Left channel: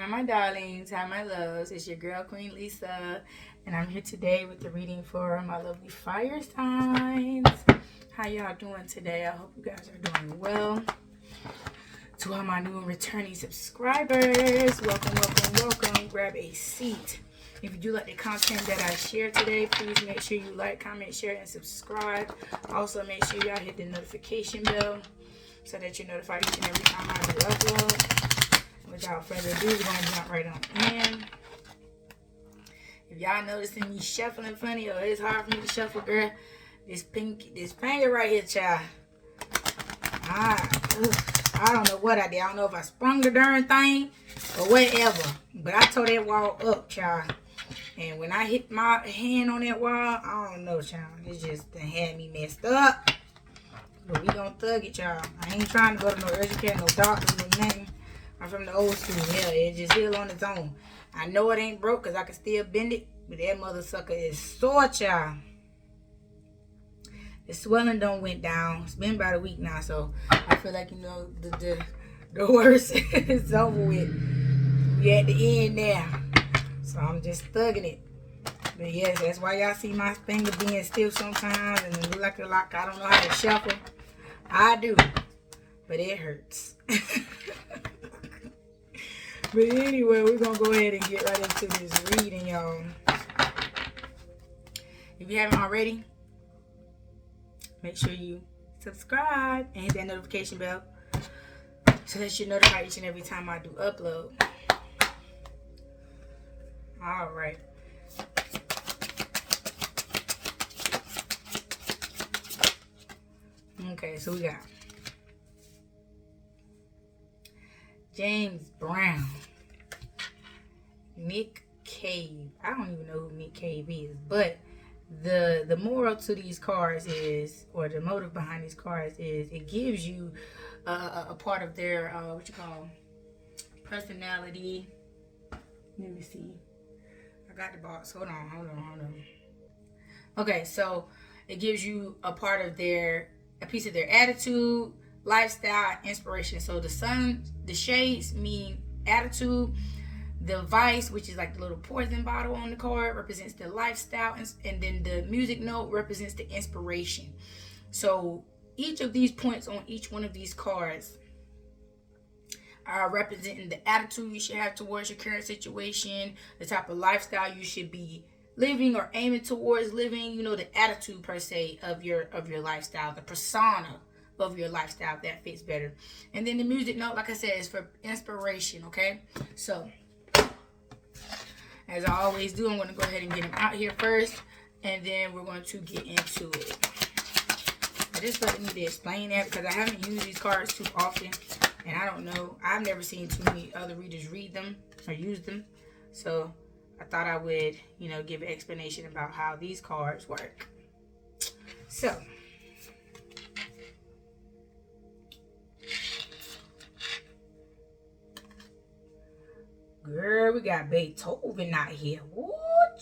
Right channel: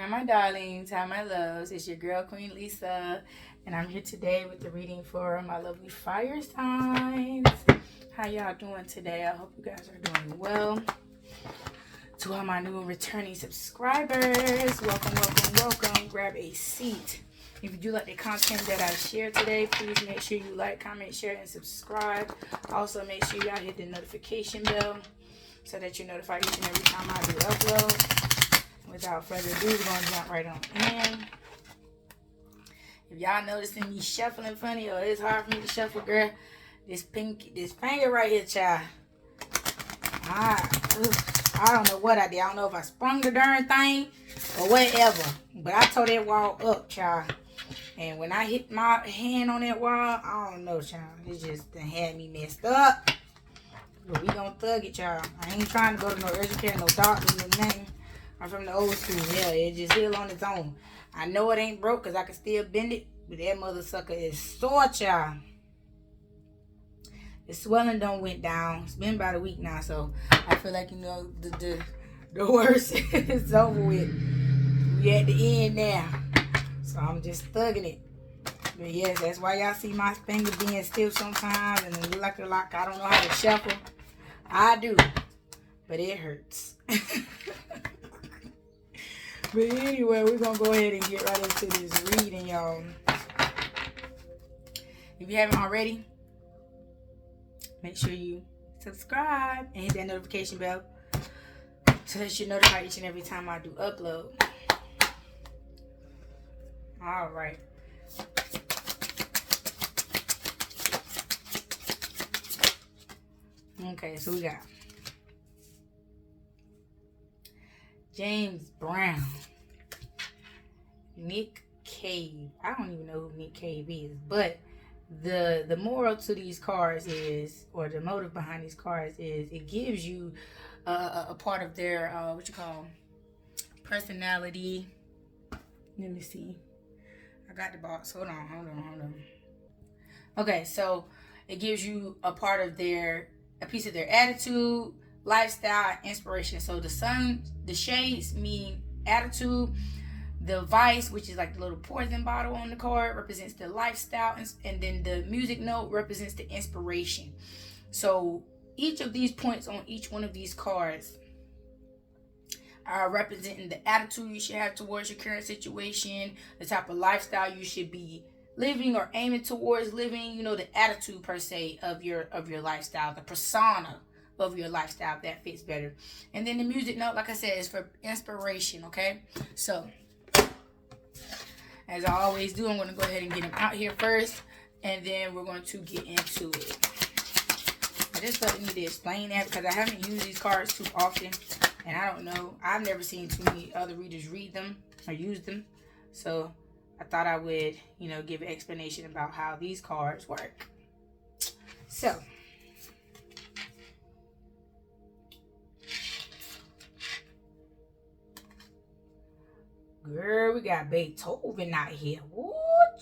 Hi, my darlings. Hi, my loves. It's your girl, Queen Lisa. And I'm here today with the reading for my lovely fire signs. How y'all doing today? I hope you guys are doing well. To all my new and returning subscribers, welcome, welcome, welcome. Grab a seat. If you do like the content that I share today, please make sure you like, comment, share, and subscribe. Also, make sure y'all hit the notification bell so that you're notified each and every time I do upload. Without further ado, we're going to jump right on in. If y'all noticing me shuffling funny or it's hard for me to shuffle, girl, this finger right here, child. I don't know what I did. I don't know if I sprung the darn thing or whatever. But I tore that wall up, child. And when I hit my hand on that wall, I don't know, child. It just done had me messed up. But we gonna thug it, child. I ain't trying to go to no urgent care, no doctor, no nothing. I'm from the old school. Yeah, it just heal on its own. I know it ain't broke because I can still bend it. But that mother sucker is sore, child. The swelling don't went down. It's been about a week now, so I feel like, you know, the worst is over with. We at the end now. So I'm just thugging it. But yes, that's why y'all see my finger being stiff sometimes and it look like I don't know how to shuffle. I do. But it hurts. But anyway, we're going to go ahead and get right into this reading, y'all. If you haven't already, make sure you subscribe and hit that notification bell so that you're notified each and every time I do upload. All right. Okay, so we got James Brown, Nick Cave. I don't even know who Nick Cave is, but the moral to these cards is, or the motive behind these cards is, it gives you a part of their what you call personality. Let me see. I got the box. Hold on. Okay, so it gives you a part of a piece of their attitude, lifestyle, inspiration. So the shades mean attitude. The vice, which is like the little poison bottle on the card, represents the lifestyle, and then the music note represents the inspiration. So each of these points on each one of these cards are representing the attitude you should have towards your current situation, the type of lifestyle you should be living or aiming towards living, you know, the attitude per se of your lifestyle, the persona of your lifestyle that fits better. And then the music note, like I said, is for inspiration. Okay, so as I always do, I'm going to go ahead and get them out here first, and then we're going to get into it. I just felt I need to explain that because I haven't used these cards too often, and I don't know, I've never seen too many other readers read them or use them, so I thought I would, you know, give an explanation about how these cards work. So, girl, we got Beethoven out here. Woo,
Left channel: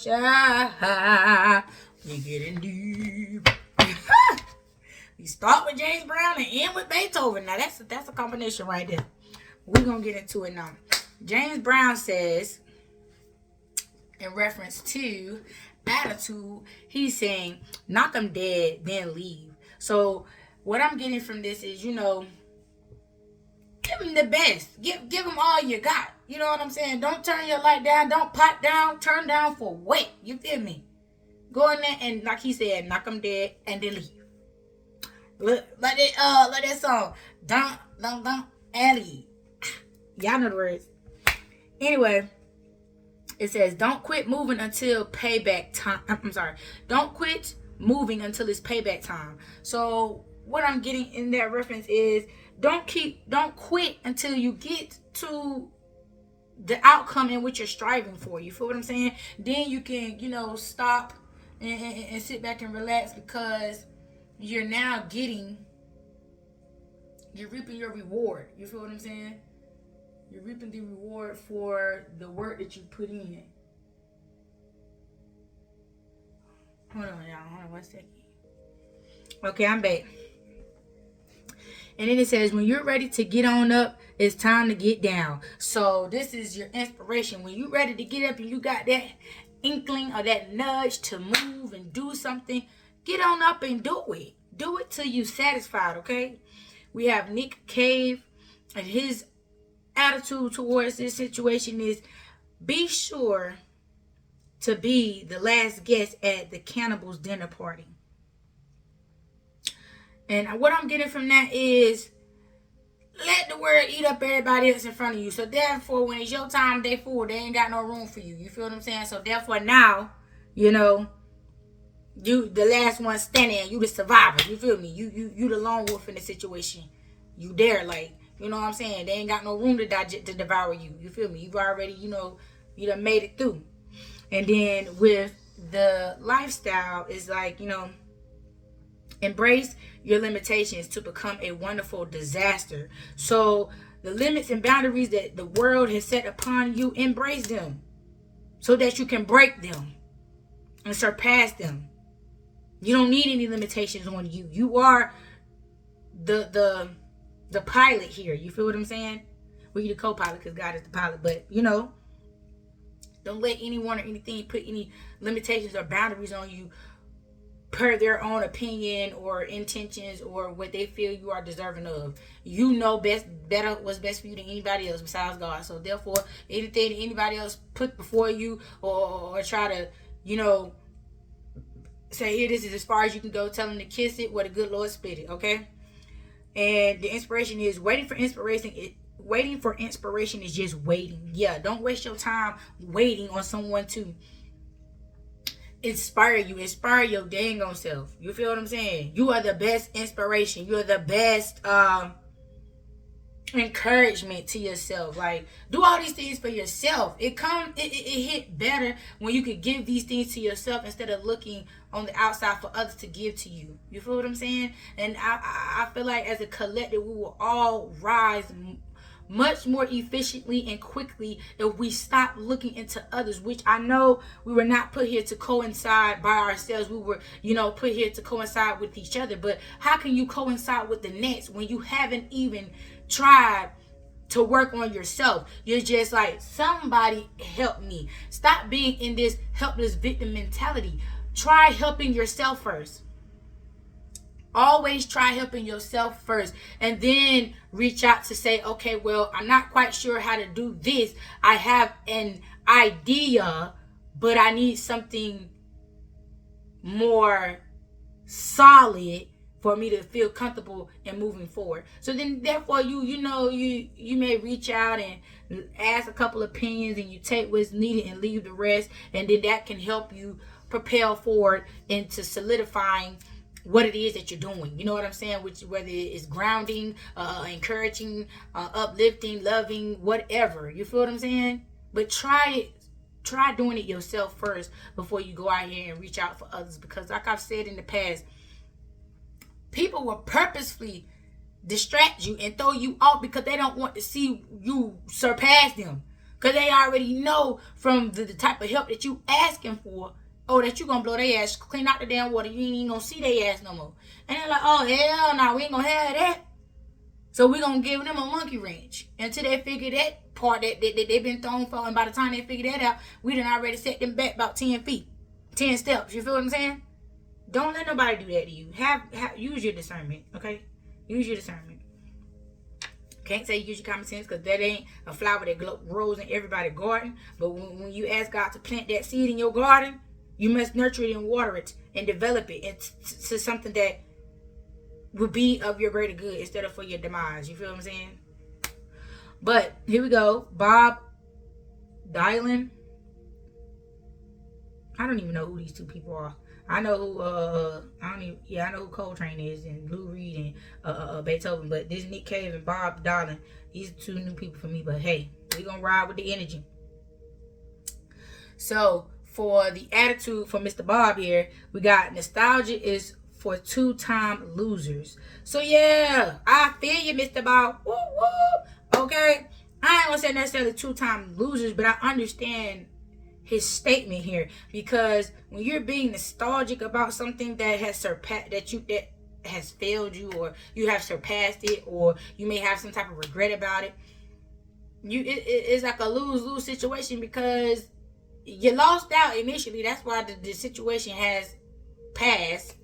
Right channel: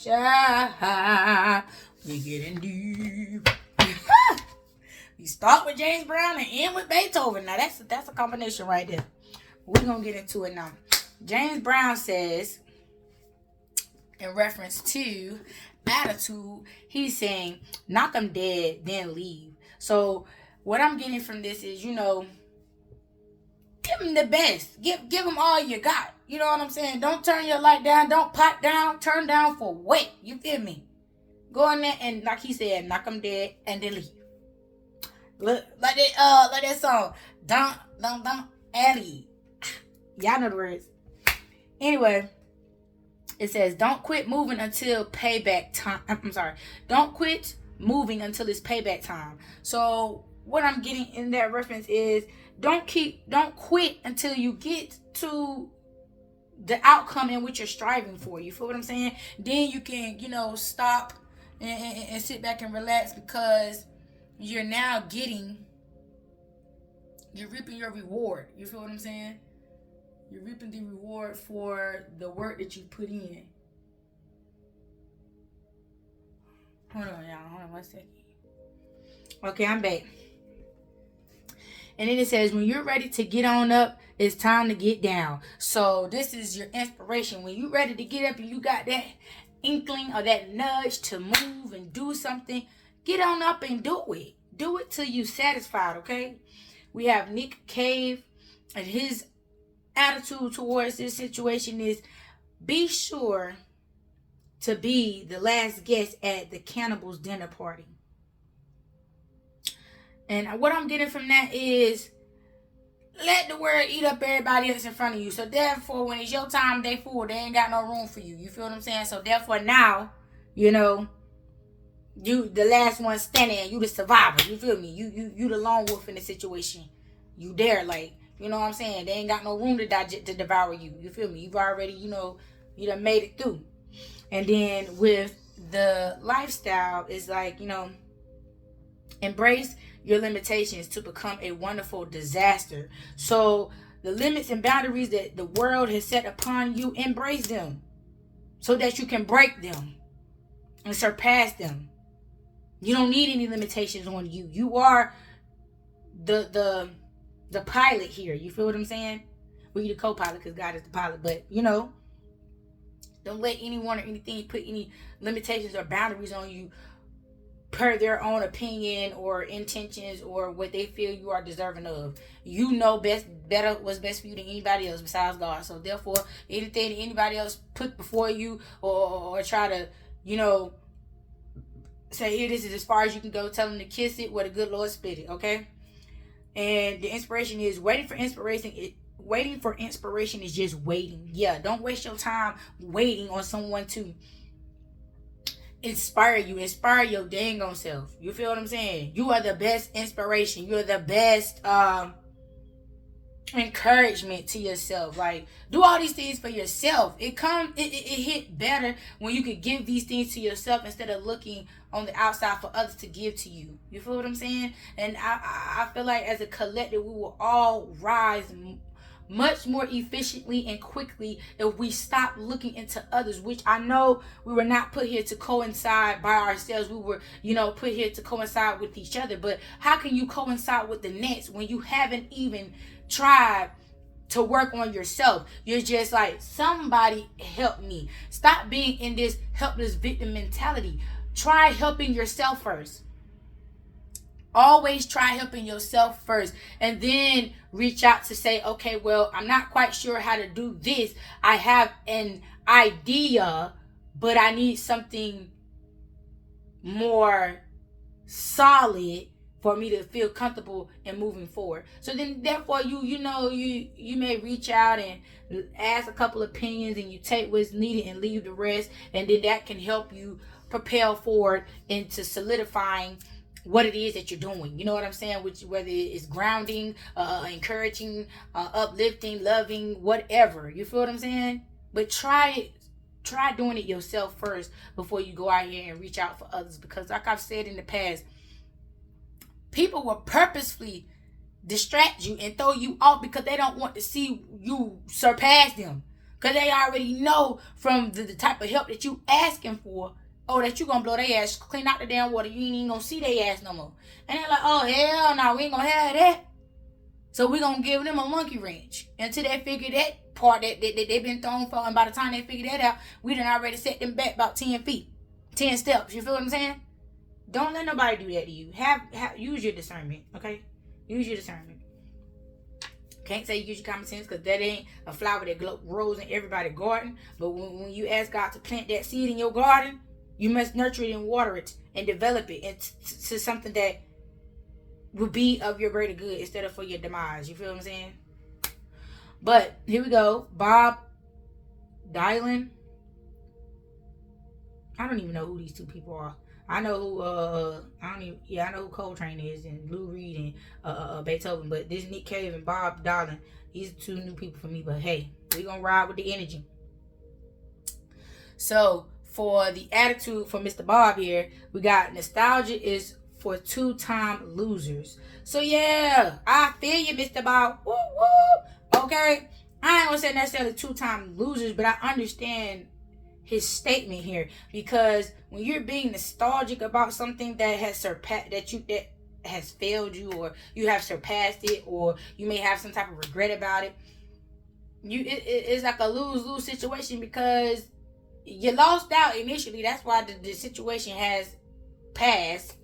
child. We getting deep. We start with James Brown and end with Beethoven. Now, that's a combination right there. We're going to get into it now. James Brown says, in reference to attitude, he's saying, knock them dead, then leave. So what I'm getting from this is, you know, give them the best. Give them all you got. You know what I'm saying? Don't turn your light down. Don't pot down. Turn down for what? You feel me? Go in there and, like he said, knock them dead and then leave. Look, like that song. Don't, and leave. Y'all know the words. Anyway, it says, don't quit moving until payback time. I'm sorry. Don't quit moving until it's payback time. So what I'm getting in that reference is, don't quit until you get to the outcome in which you're striving for. You feel what I'm saying? Then you can, you know, stop and sit back and relax, because you're now reaping your reward. You feel what I'm saying? You're reaping the reward for the work that you put in. Hold on, y'all. Hold on 1 second. Okay, I'm back. And then it says, when you're ready to get on up, It's time to get down. So this is your inspiration. When you ready to get up and you got that inkling or that nudge to move and do something, get on up and do it. Do it till you satisfied, okay? We have Nick Cave, and his attitude towards this situation is, be sure to be the last guest at the cannibals dinner party. And what I'm getting from that is, let the world eat up everybody else in front of you. So therefore, when it's your time, they full. They ain't got no room for you. You feel what I'm saying? So therefore now, you know, you the last one standing. You the survivor. You feel me? You the lone wolf in the situation. You there, like, you know what I'm saying? They ain't got no room to devour you. You feel me? You've already, you done made it through. And then with the lifestyle, is like, embrace your limitations to become a wonderful disaster. So the limits and boundaries that the world has set upon you, embrace them so that you can break them and surpass them. You don't need any limitations on you. You are the pilot here. You feel what I'm saying? Well, you're the co-pilot because God is the pilot. But, don't let anyone or anything put any limitations or boundaries on you per their own opinion or intentions or what they feel you are deserving of. You know better what's best for you than anybody else besides God. So therefore, anything anybody else put before you or try to, say, here, this is as far as you can go, tell them to kiss it, where the good Lord spit it, okay? And the inspiration is waiting for inspiration. Waiting for inspiration is just waiting. Yeah, don't waste your time waiting on someone to inspire you. Inspire your dang on self. You feel what I'm saying? You are the best inspiration. You're the best encouragement to yourself. Like, do all these things for yourself. It hit better when you could give these things to yourself instead of looking on the outside for others to give to you. You feel what I'm saying? And I feel like as a collective, we will all rise much more efficiently and quickly if we stop looking into others, which I know we were not put here to coincide by ourselves. We were, put here to coincide with each other. But how can you coincide with the next when you haven't even tried to work on yourself? You're just like, somebody help me. Stop being in this helpless victim mentality. Try helping yourself first. Always try helping yourself first, and then reach out to say, okay, well, I'm not quite sure how to do this. I have an idea, but I need something more solid for me to feel comfortable in moving forward. So then therefore you may reach out and ask a couple opinions, and you take what's needed and leave the rest, and then that can help you propel forward into solidifying what it is that you're doing. You know what I'm saying? Whether it's grounding, encouraging, uplifting, loving, whatever. You feel what I'm saying? But try it. Try doing it yourself first before you go out here and reach out for others. Because like I've said in the past, people will purposefully distract you and throw you off because they don't want to see you surpass them. Because they already know from the type of help that you asking for, that you gonna blow their ass, clean out the damn water. You ain't even gonna see their ass no more. And they're like, oh, hell no, we ain't gonna have that. So we gonna give them a monkey wrench until they figure that part that they've been thrown for. And by the time they figure that out, we done already set them back about 10 feet, 10 steps. You feel what I'm saying? Don't let nobody do that to you. Use your discernment, okay? Use your discernment. Can't say use your common sense because that ain't a flower that grows in everybody's garden. But when you ask God to plant that seed in your garden, you must nurture it and water it and develop it into something that would be of your greater good instead of for your demise. You feel what I'm saying? But here we go. Bob Dylan. I don't even know who these two people are. I know who I know who Coltrane is and Lou Reed and Beethoven. But this Nick Cave and Bob Dylan, these are two new people for me. But hey, we gonna ride with the energy. So for the attitude for Mr. Bob here, we got nostalgia is for two-time losers. So yeah, I feel you, Mr. Bob. Woo woo. Okay, I ain't gonna say necessarily two-time losers, but I understand his statement here, because when you're being nostalgic about something that has has failed you, or you have surpassed it, or you may have some type of regret about it. It's like a lose-lose situation, because you lost out initially. That's why the situation has passed,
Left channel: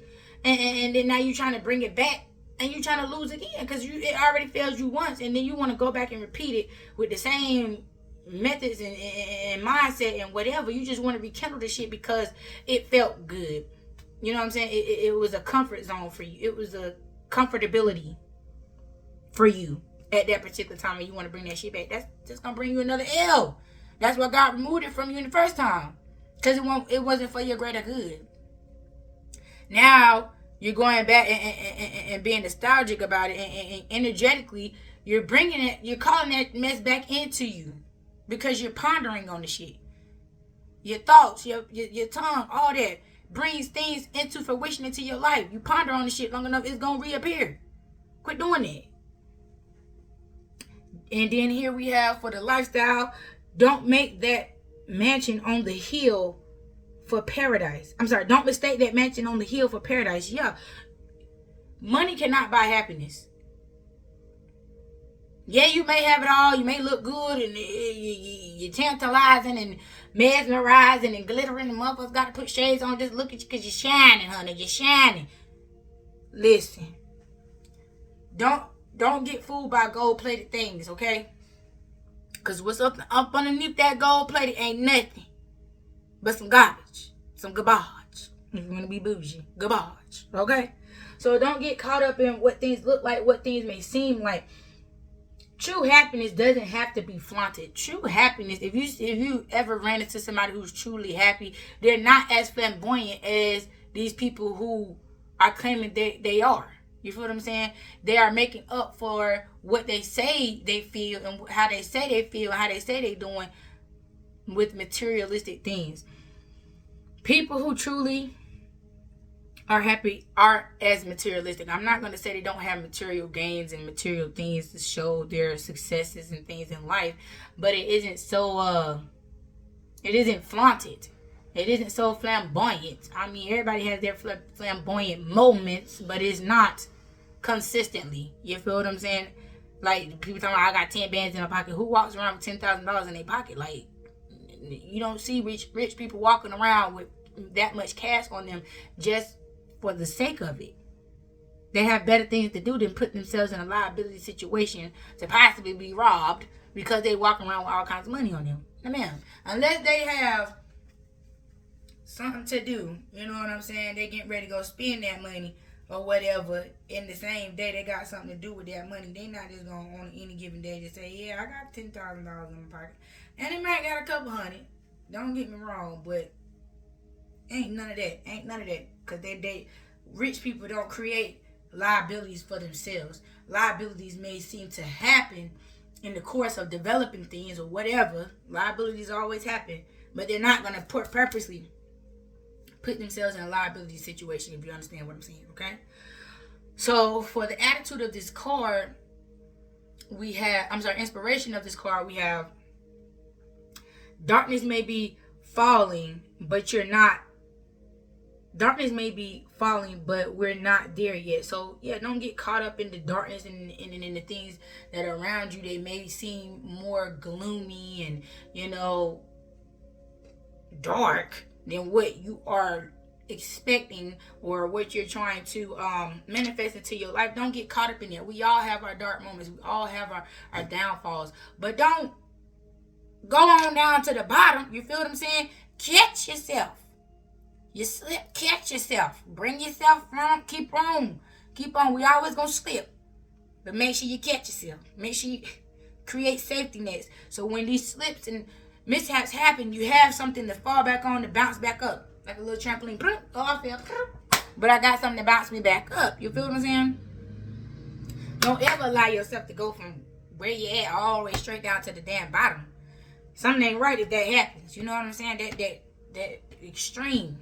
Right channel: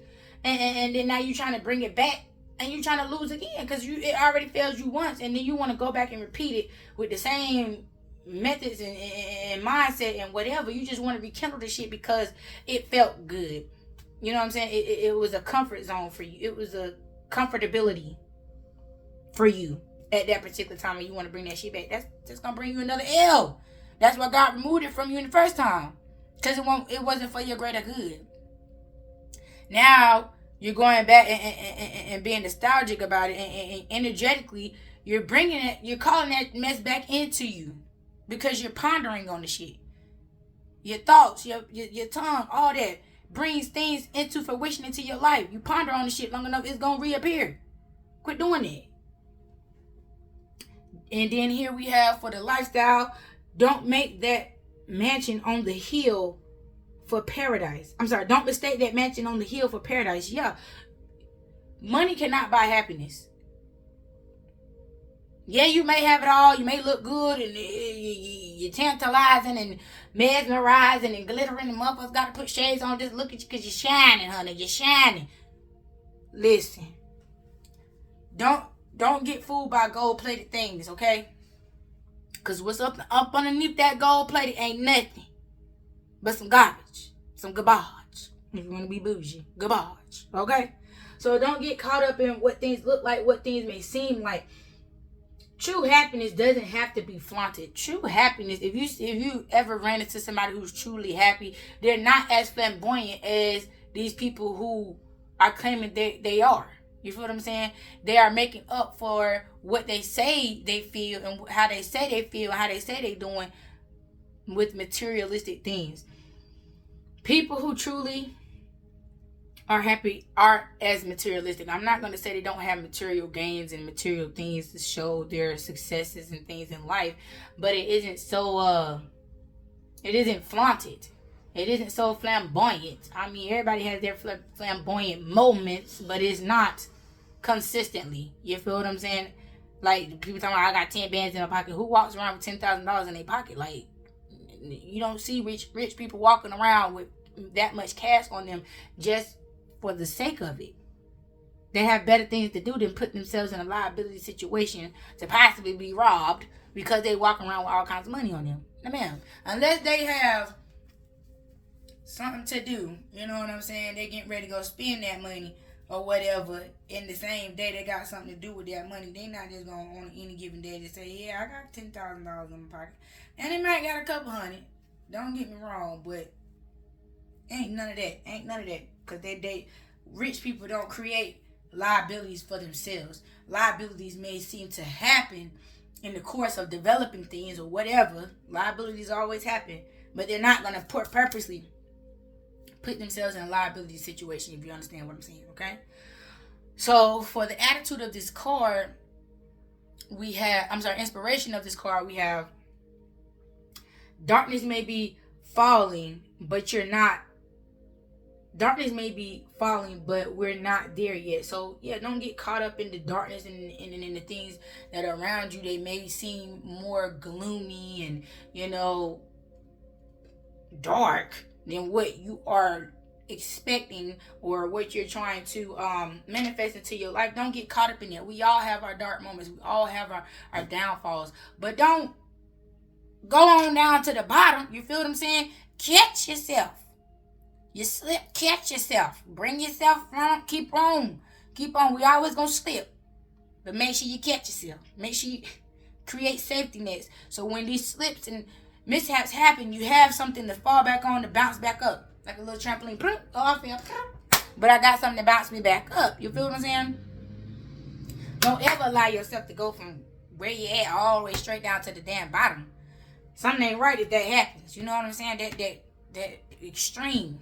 and then now you're trying to bring it back, and you're trying to lose again, because it already failed you once, and then you want to go back and repeat it with the same methods and mindset and whatever. You just want to rekindle the shit because it felt good. You know what I'm saying? It was a comfort zone for you. It was a comfortability for you at that particular time, and you want to bring that shit back. That's just gonna bring you another L. That's why God removed it from you in the first time, because it wasn't for your greater good. Now you're going back and being nostalgic about it, and energetically you're bringing it, you're calling that mess back into you, because you're pondering on the shit. Your thoughts, your tongue, all that brings things into fruition into your life. You ponder on the shit long enough, it's gonna reappear. Quit doing it. And then here we have for the lifestyle, don't make that mansion on the hill for paradise. I'm sorry, don't mistake that mansion on the hill for paradise. Yeah, money cannot buy happiness. Yeah, you may have it all. You may look good, and you're tantalizing and mesmerizing and glittering. And motherfuckers got to put shades on just look at you because you're shining, honey. You're shining. Listen, don't get fooled by gold-plated things, okay? Because what's up underneath that gold-plated ain't nothing but some garbage, some garbage. If you want to be bougie, garbage, okay? So don't get caught up in what things look like, what things may seem like. True happiness doesn't have to be flaunted. True happiness, if you ever ran into somebody who's truly happy, they're not as flamboyant as these people who are claiming they are. You feel what I'm saying? They are making up for what they say they feel, and how they say they feel, and how they say they're doing with materialistic things. People who truly are happy aren't as materialistic. I'm not going to say they don't have material gains and material things to show their successes and things in life, but it isn't so it isn't flaunted. It isn't so flamboyant. I mean, everybody has their flamboyant moments, but it's not consistently. You feel what I'm saying? Like, people talking about, I got 10 bands in my pocket. Who walks around with $10,000 in their pocket? Like, you don't see rich people walking around with that much cash on them just for the sake of it. They have better things to do than put themselves in a liability situation to possibly be robbed because they walk around with all kinds of money on them. Now, man, unless they have something to do, you know what I'm saying? They getting ready to go spend that money or whatever. In the same day, they got something to do with that money. They not just going on any given day to say, yeah, I got $10,000 in my pocket. And they might got a couple hundred. Don't get me wrong, but ain't none of that. Ain't none of that. Because they rich people don't create liabilities for themselves. Liabilities may seem to happen in the course of developing things or whatever. Liabilities always happen. But they're not going to purposely put themselves in a liability situation, if you understand what I'm saying, okay? So for the attitude of this card, we have, inspiration of this card, we have darkness may be falling, but you're not. Darkness may be falling, but we're not there yet. So, yeah, don't get caught up in the darkness and in the things that are around you. They may seem more gloomy and, you know, dark than what you are expecting or what you're trying to manifest into your life. Don't get caught up in that. We all have our dark moments. We all have our downfalls. But don't go on down to the bottom. You feel what I'm saying? Catch yourself. You slip, catch yourself. Bring yourself from, keep on. Keep on. We always gonna slip. But make sure you catch yourself. Make sure you create safety nets. So when these slips and mishaps happen, you have something to fall back on to bounce back up. Like a little trampoline. Go off here. But I got something to bounce me back up. You feel what I'm saying? Don't ever allow yourself to go from where you at all the way straight down to the damn bottom. Something ain't right if that happens. You know what I'm saying? That extreme.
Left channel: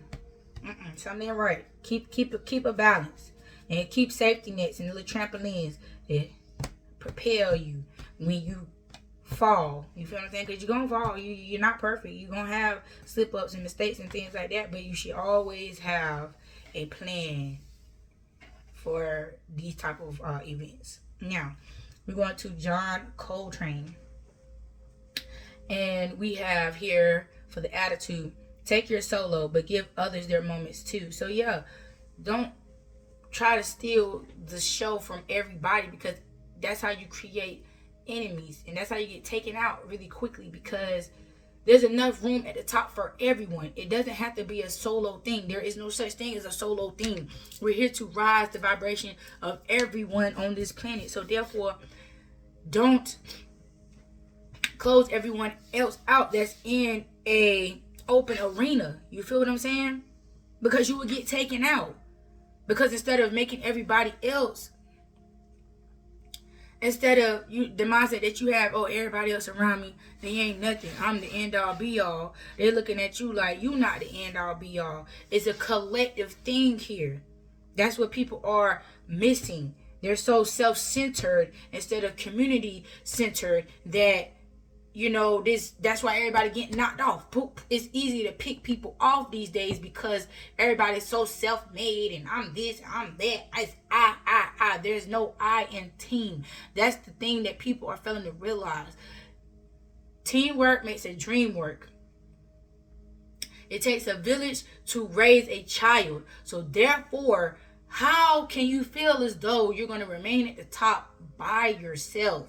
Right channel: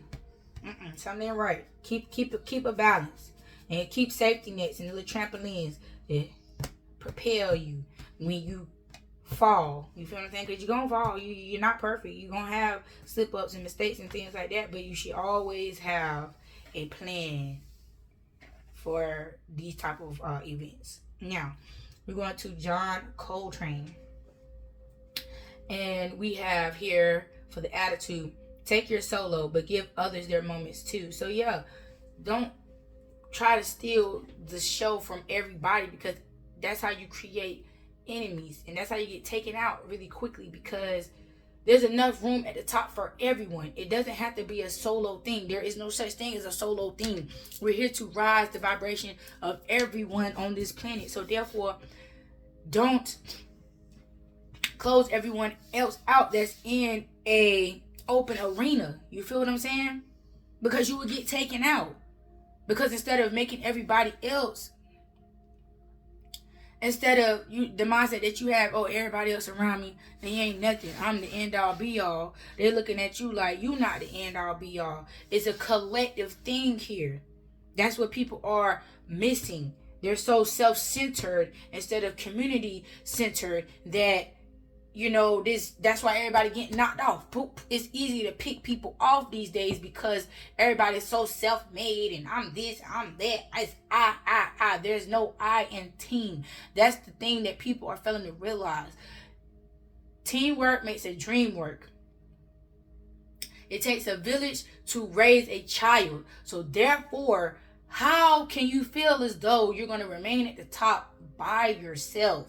Something ain't right. Keep a balance, and keep safety nets and little trampolines that propel you when you fall. You feel what I'm saying? Because you're gonna fall. You're not perfect. You're gonna have slip ups and mistakes and things like that. But you should always have a plan for these type of events. Now, we're going to John Coltrane. And we have here for the attitude, take your solo, but give others their moments too. So yeah, don't try to steal the show from everybody, because that's how you create enemies. And that's how you get taken out really quickly, because there's enough room at the top for everyone. It doesn't have to be a solo thing. There is no such thing as a solo thing. We're here to rise the vibration of everyone on this planet. So therefore, don't close everyone else out that's in a open arena. You feel what I'm saying? Because you will get taken out. Because instead of making everybody else, instead of you, the mindset that you have, oh, everybody else around me, they ain't nothing, I'm the end all be all. They're looking at you like you not the end all be all. It's a collective thing here. That's what people are missing. They're so self-centered instead of community-centered that, you know, that's why everybody getting knocked off. It's easy to pick people off these days because everybody's so self-made and I'm this, I'm that. It's I. There's no I in team. That's the thing that people are failing to realize. Teamwork makes a dream work. It takes a village to raise a child. So therefore, how can you feel as though you're going to remain at the top by yourself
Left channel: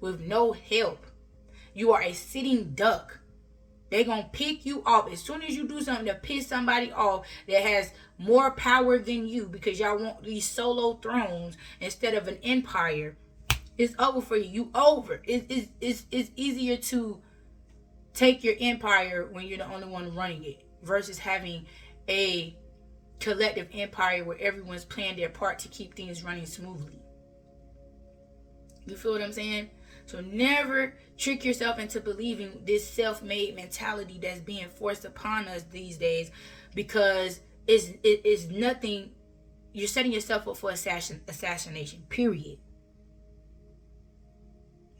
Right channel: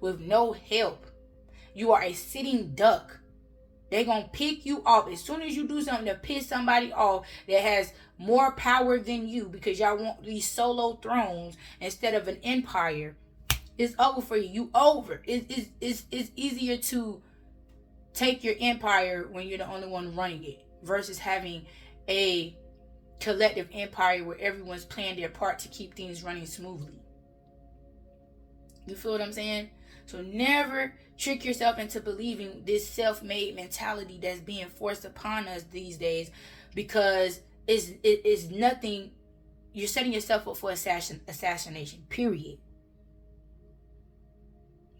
with no help? You are a sitting duck. They're going to pick you off. As soon as you do something to piss somebody off that has more power than you, because y'all want these solo thrones instead of an empire, it's over for you. You over. It's easier to take your empire when you're the only one running it versus having a collective empire where everyone's playing their part to keep things running smoothly. You feel what I'm saying? So never trick yourself into believing this self-made mentality that's being forced upon us these days, because it's nothing. You're setting yourself up for assassination, period.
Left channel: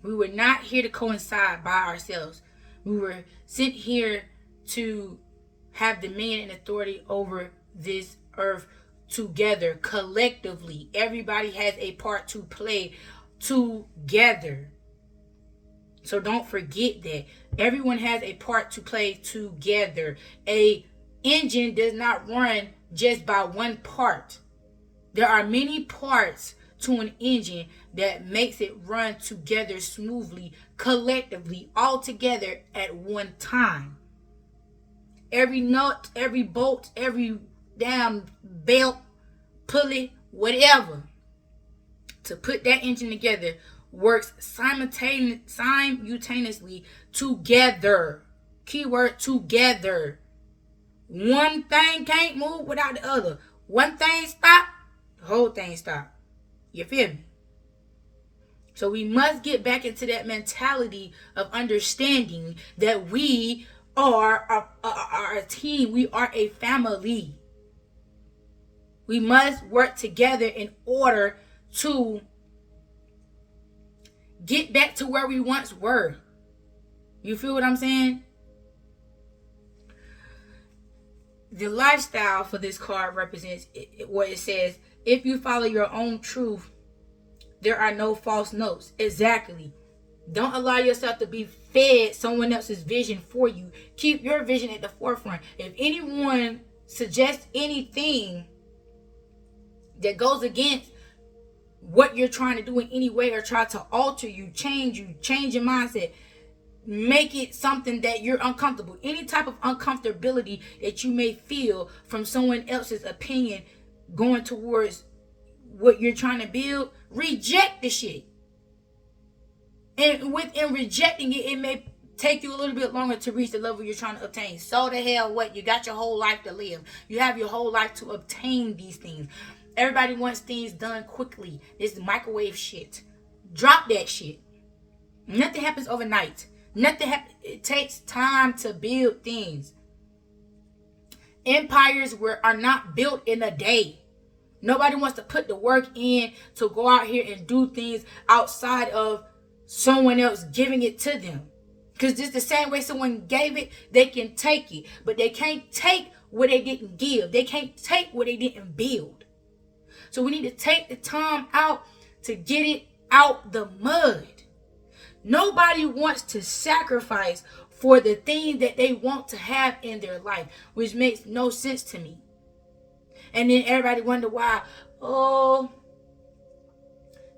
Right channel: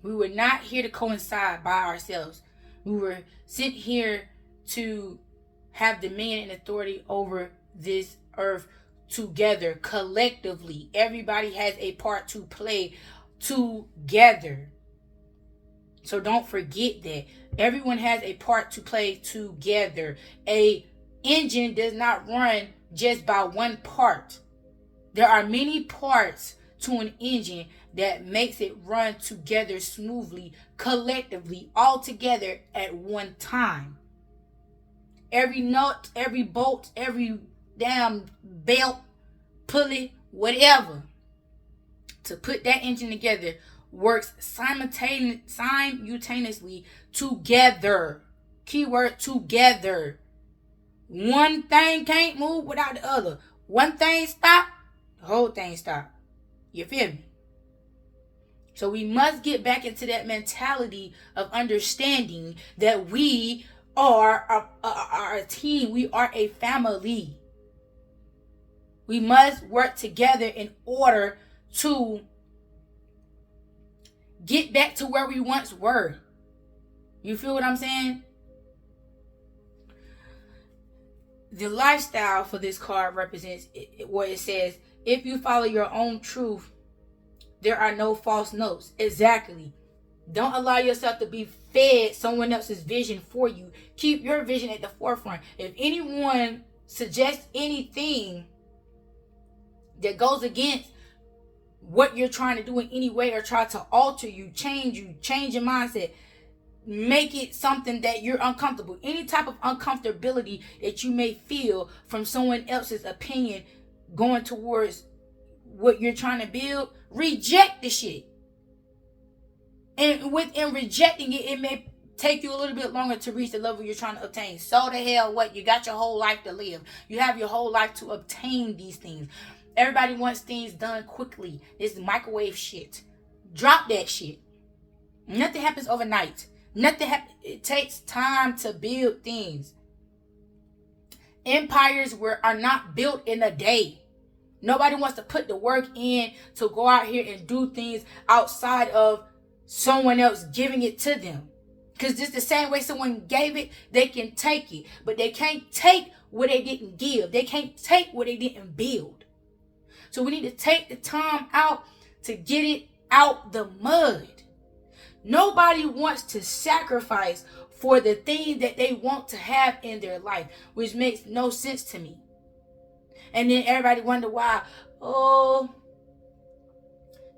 We were not here to coincide by ourselves. We were sent here to have dominion and authority over this earth together, collectively. Everybody has a part to play together. So don't forget that. Everyone has a part to play together. A engine does not run just by one part. There are many parts to an engine that makes it run together smoothly, collectively, all together at one time. Every nut, every bolt, every damn belt, pulley, whatever, to put that engine together works simultaneously together. Keyword together. One thing can't move without the other. One thing stop, the whole thing stop. You feel me? So we must get back into that mentality of understanding that we are a team. We are a family. We must work together in order to get back to where we once were. You feel what I'm saying? The lifestyle for this card represents what it says. If you follow your own truth, there are no false notes. Exactly. Don't allow yourself to be fed someone else's vision for you. Keep your vision at the forefront. If anyone suggests anything that goes against what you're trying to do in any way, or try to alter you, change your mindset, make it something that you're uncomfortable. Any type of uncomfortability that you may feel from someone else's opinion going towards what you're trying to build, reject the shit. And within rejecting it, it may take you a little bit longer to reach the level you're trying to obtain. So the hell what? You got your whole life to live. You have your whole life to obtain these things. Everybody wants things done quickly. It's microwave shit. Drop that shit. Nothing happens overnight. It takes time to build things. Empires are not built in a day. Nobody wants to put the work in to go out here and do things outside of someone else giving it to them. Because just the same way someone gave it, they can take it. But they can't take what they didn't give. They can't take what they didn't build. So we need to take the time out to get it out the mud. Nobody wants to sacrifice for the thing that they want to have in their life, which makes no sense to me. And then everybody wonder why, oh,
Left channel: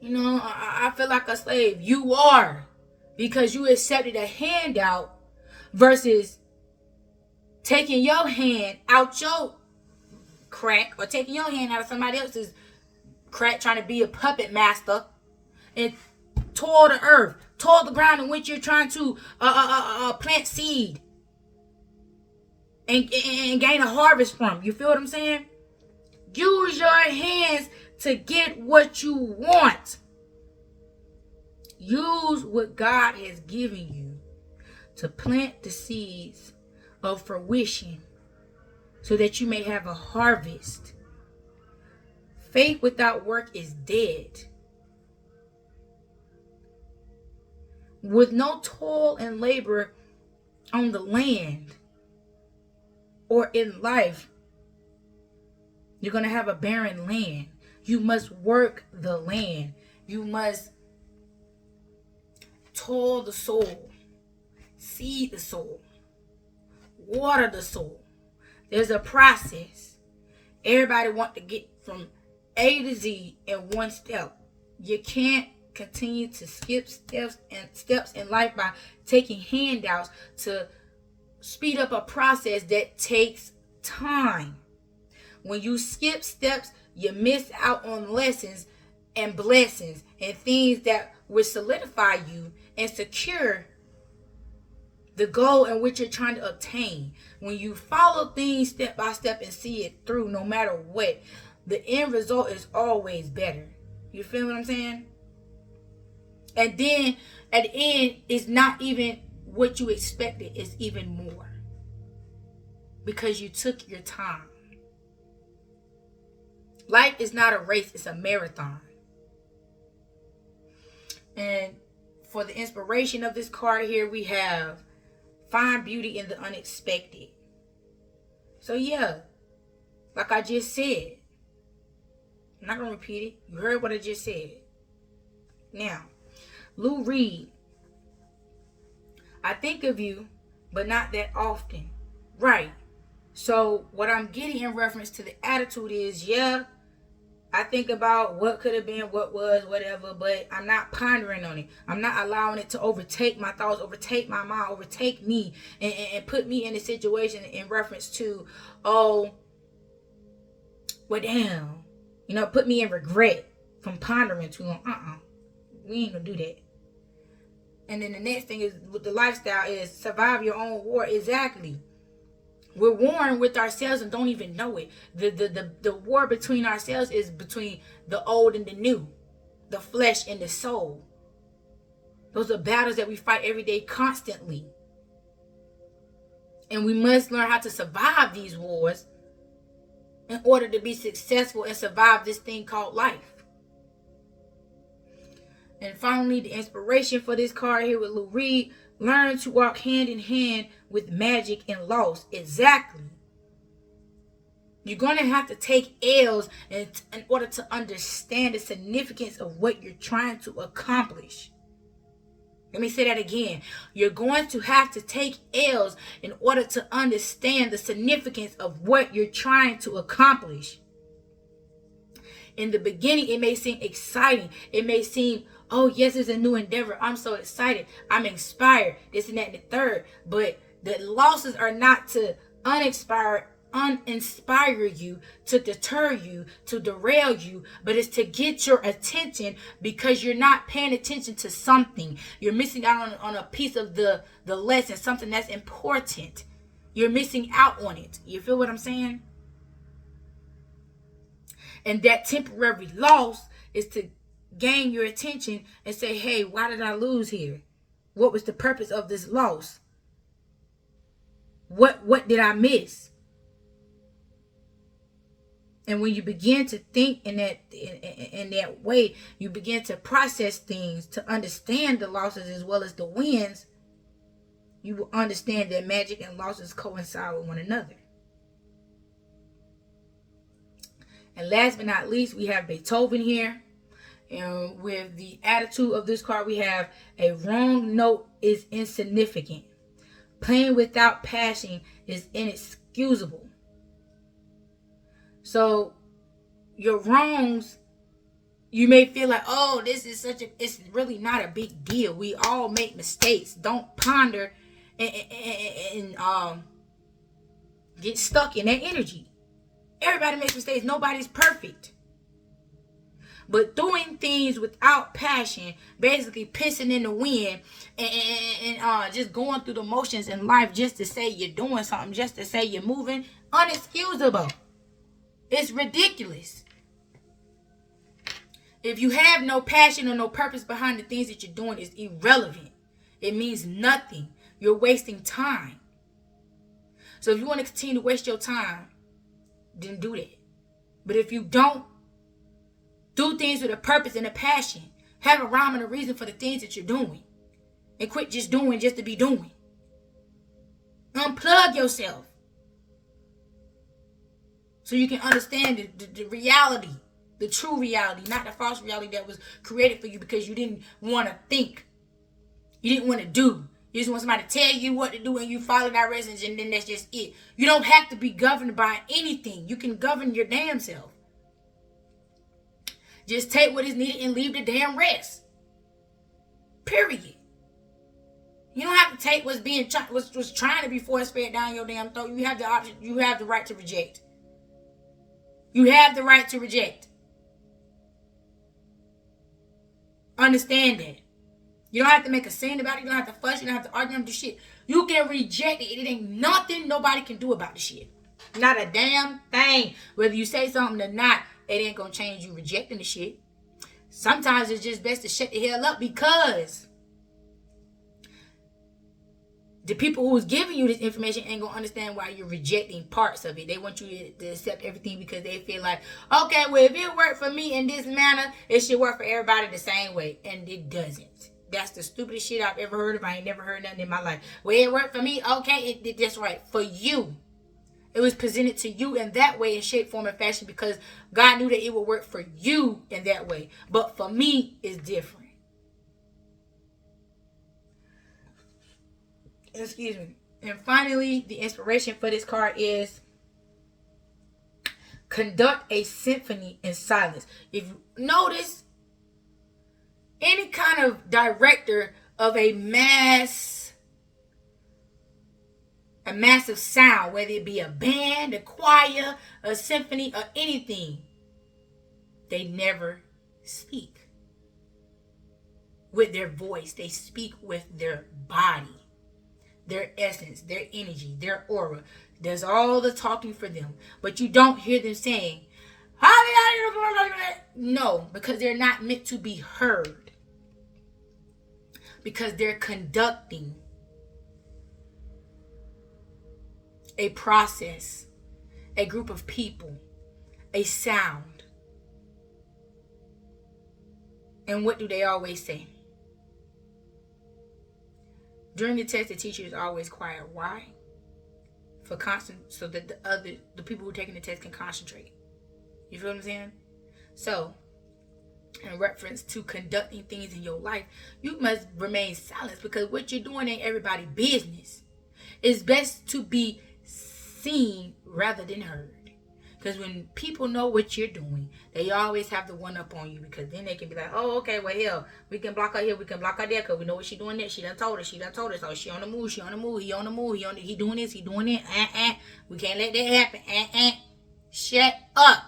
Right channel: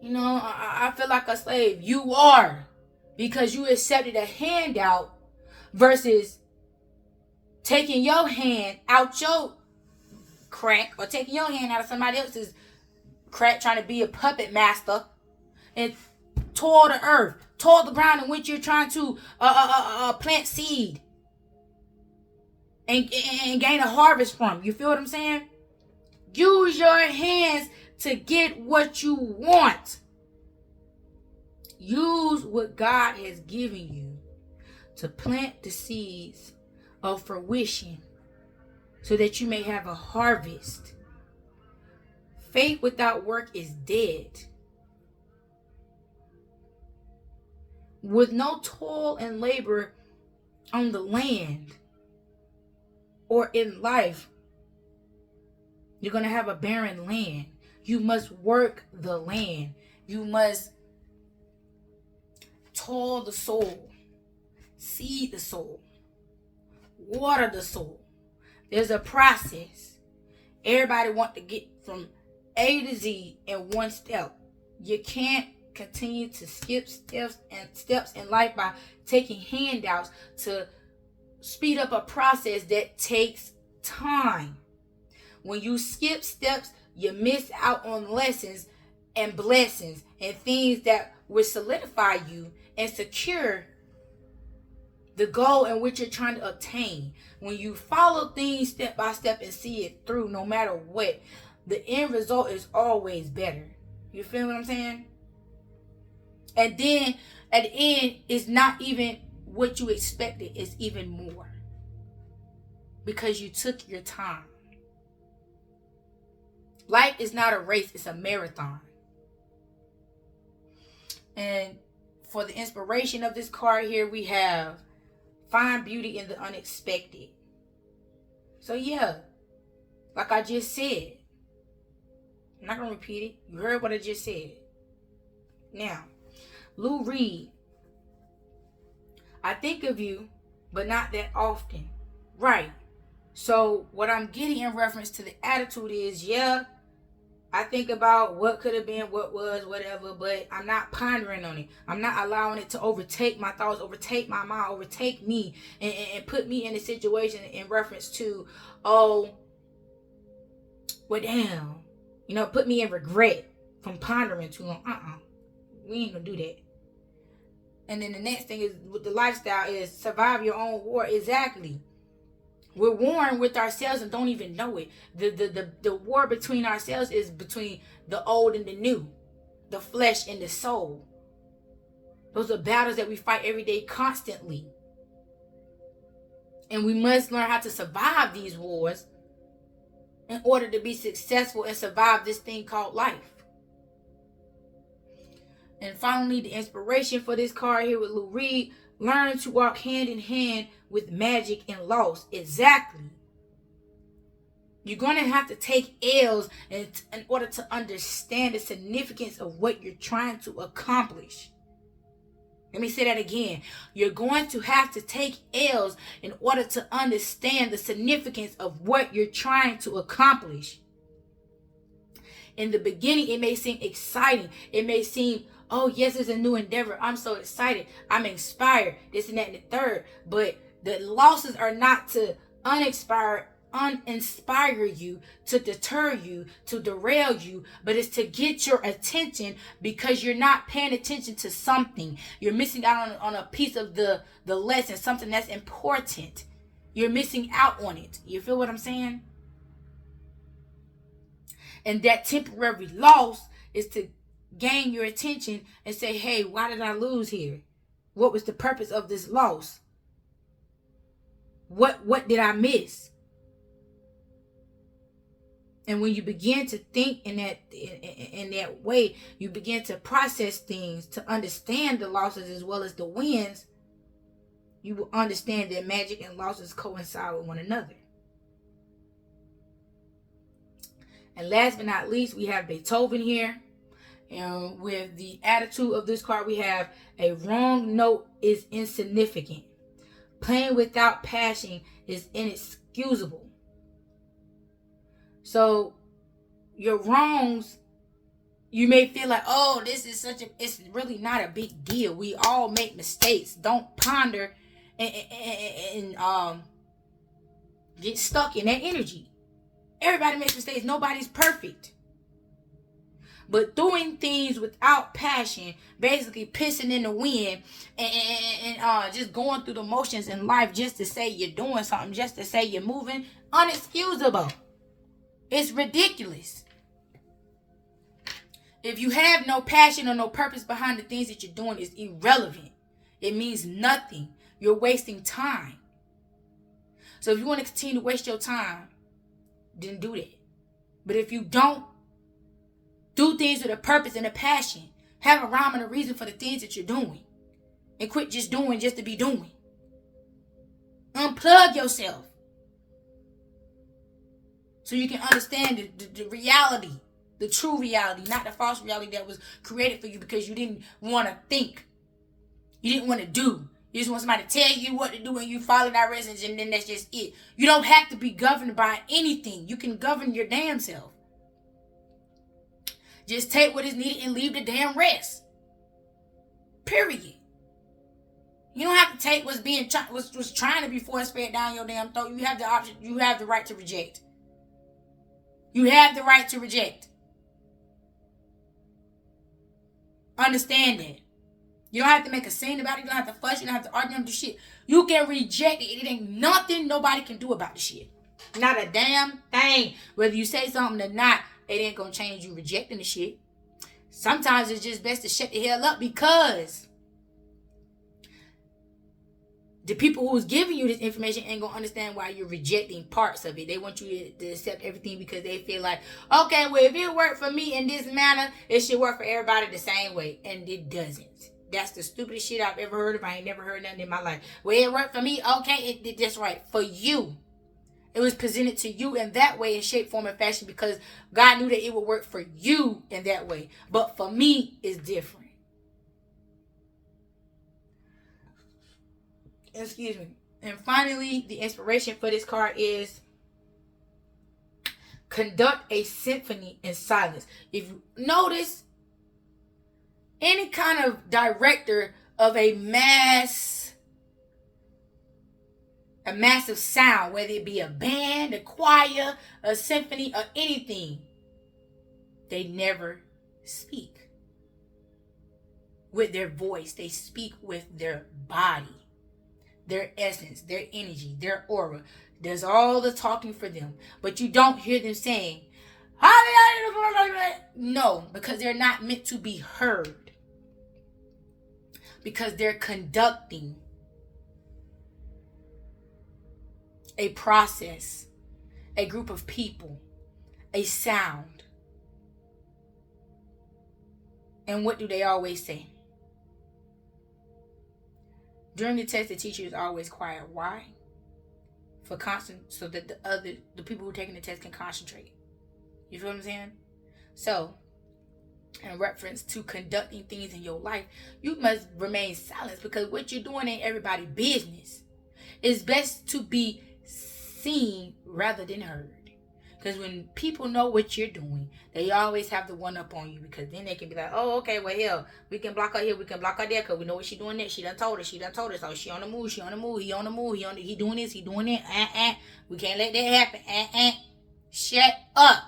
I feel like a slave. You are, because you accepted a handout versus taking your hand out your crack, or taking your hand out of somebody else's crack, trying to be a puppet master, and tore the earth, tore the ground in which you're trying to plant seed and gain a harvest from. You feel what I'm saying? Use your hands to get what you want. Use what God has given you to plant the seeds of fruition so that you may have a harvest. Faith without work is dead. With no toil and labor on the land or in life, you're going to have a barren land. You must work the land. You must toil the soul, seed the soul, water the soul. There's a process. Everybody wants to get from A to Z in one step. You can't continue to skip steps in life by taking handouts to speed up a process that takes time. When you skip steps, you miss out on lessons and blessings and things that will solidify you and secure the goal in which you're trying to obtain. When you follow things step by step and see it through, no matter what, the end result is always better. You feel what I'm saying? And then at the end, it's not even what you expected, it's even more, because you took your time. Life is not a race, it's a marathon. And for the inspiration of this card here, we have find beauty in the unexpected. So yeah, like I just said, I'm not going to repeat it. You heard what I just said. Now, Lou Reed, I think of you, but not that often. Right. So what I'm getting in reference to the attitude is, yeah, I think about what could have been, what was, whatever, but I'm not pondering on it. I'm not allowing it to overtake my thoughts, overtake my mind, overtake me, and put me in a situation in reference to, oh, well, damn, put me in regret from pondering too long. We ain't gonna do that. And then the next thing is with the lifestyle is survive your own war. Exactly. We're warring with ourselves and don't even know it. The war between ourselves is between the old and the new, the flesh and the soul. Those are battles that we fight every day constantly. And we must learn how to survive these wars in order to be successful and survive this thing called life. And finally, the inspiration for this card here with Lou Reed, learn to walk hand in hand with magic and loss. Exactly. You're going to have to take L's in order to understand the significance of what you're trying to accomplish. Let me say that again. You're going to have to take L's in order to understand the significance of what you're trying to accomplish. In the beginning, it may seem exciting. It may seem, oh, yes, it's a new endeavor. I'm so excited. I'm inspired. This and that and the third. But the losses are not to uninspire you, to deter you, to derail you, but it's to get your attention because you're not paying attention to something. You're missing out on a piece of the lesson, something that's important. You're missing out on it. You feel what I'm saying? And that temporary loss is to gain your attention and say, hey, why did I lose here? What was the purpose of this loss? What did I miss? And when you begin to think in that way, you begin to process things, to understand the losses as well as the wins, you will understand that magic and losses coincide with one another. And last but not least, we have Beethoven here. And with the attitude of this card, we have a wrong note is insignificant. Playing without passion is inexcusable. So your wrongs, you may feel like, oh, this is it's really not a big deal. We all make mistakes. Don't ponder and get stuck in that energy. Everybody makes mistakes. Nobody's perfect. But doing things without passion, basically pissing in the wind and just going through the motions in life just to say you're doing something, just to say you're moving, unexcusable. It's ridiculous. If you have no passion or no purpose behind the things that you're doing, it's irrelevant. It means nothing. You're wasting time. So if you want to continue to waste your time, then do that. But if you don't, do things with a purpose and a passion. Have a rhyme and a reason for the things that you're doing. And quit just doing just to be doing. Unplug yourself. So you can understand the reality. The true reality. Not the false reality that was created for you because you didn't want to think. You didn't want to do. You just want somebody to tell you what to do and you follow directions and then that's just it. You don't have to be governed by anything. You can govern your damn self. Just take what is needed and leave the damn rest. Period. You don't have to take what's trying to be force fed down your damn throat. You have the option. You have the right to reject. You have the right to reject. Understand that. You don't have to make a scene about it. You don't have to fuss. You don't have to argue about the shit. You can reject it. It ain't nothing nobody can do about the shit. Not a damn thing. Whether you say something or not, it ain't gonna change you rejecting the shit. Sometimes it's just best to shut the hell up because the people who's giving you this information ain't gonna understand why you're rejecting parts of it. They want you to accept everything because they feel like, okay, well, if it worked for me in this manner, it should work for everybody the same way. And it doesn't. That's the stupidest shit I've ever heard of. I ain't never heard nothing in my life. Well, it worked for me. Okay, that's right. For you. It was presented to you in that way, in shape, form, and fashion because God knew that it would work for you in that way. But for me, it's different. Excuse me. And finally, the inspiration for this card is conduct a symphony in silence. If you notice, any kind of director of a massive sound, whether it be a band, a choir, a symphony, or anything, they never speak with their voice. They speak with their body, their essence, their energy, their aura. There's all the talking for them, but you don't hear them saying, no, because they're not meant to be heard, because they're conducting a process, a group of people, a sound. And what do they always say? During the test, the teacher is always quiet. Why? So that the people who are taking the test can concentrate. You feel what I'm saying? So, in reference to conducting things in your life, you must remain silent because what you're doing ain't everybody's business. It's best to be seen rather than heard. Because when people know what you're doing, they always have the one up on you because then they can be like, oh, okay, well, hell, we can block her here, we can block her there because we know what she's doing there. She done told us. Oh, she on the move, he on the move, he doing this, he doing it. We can't let that happen. Shut up.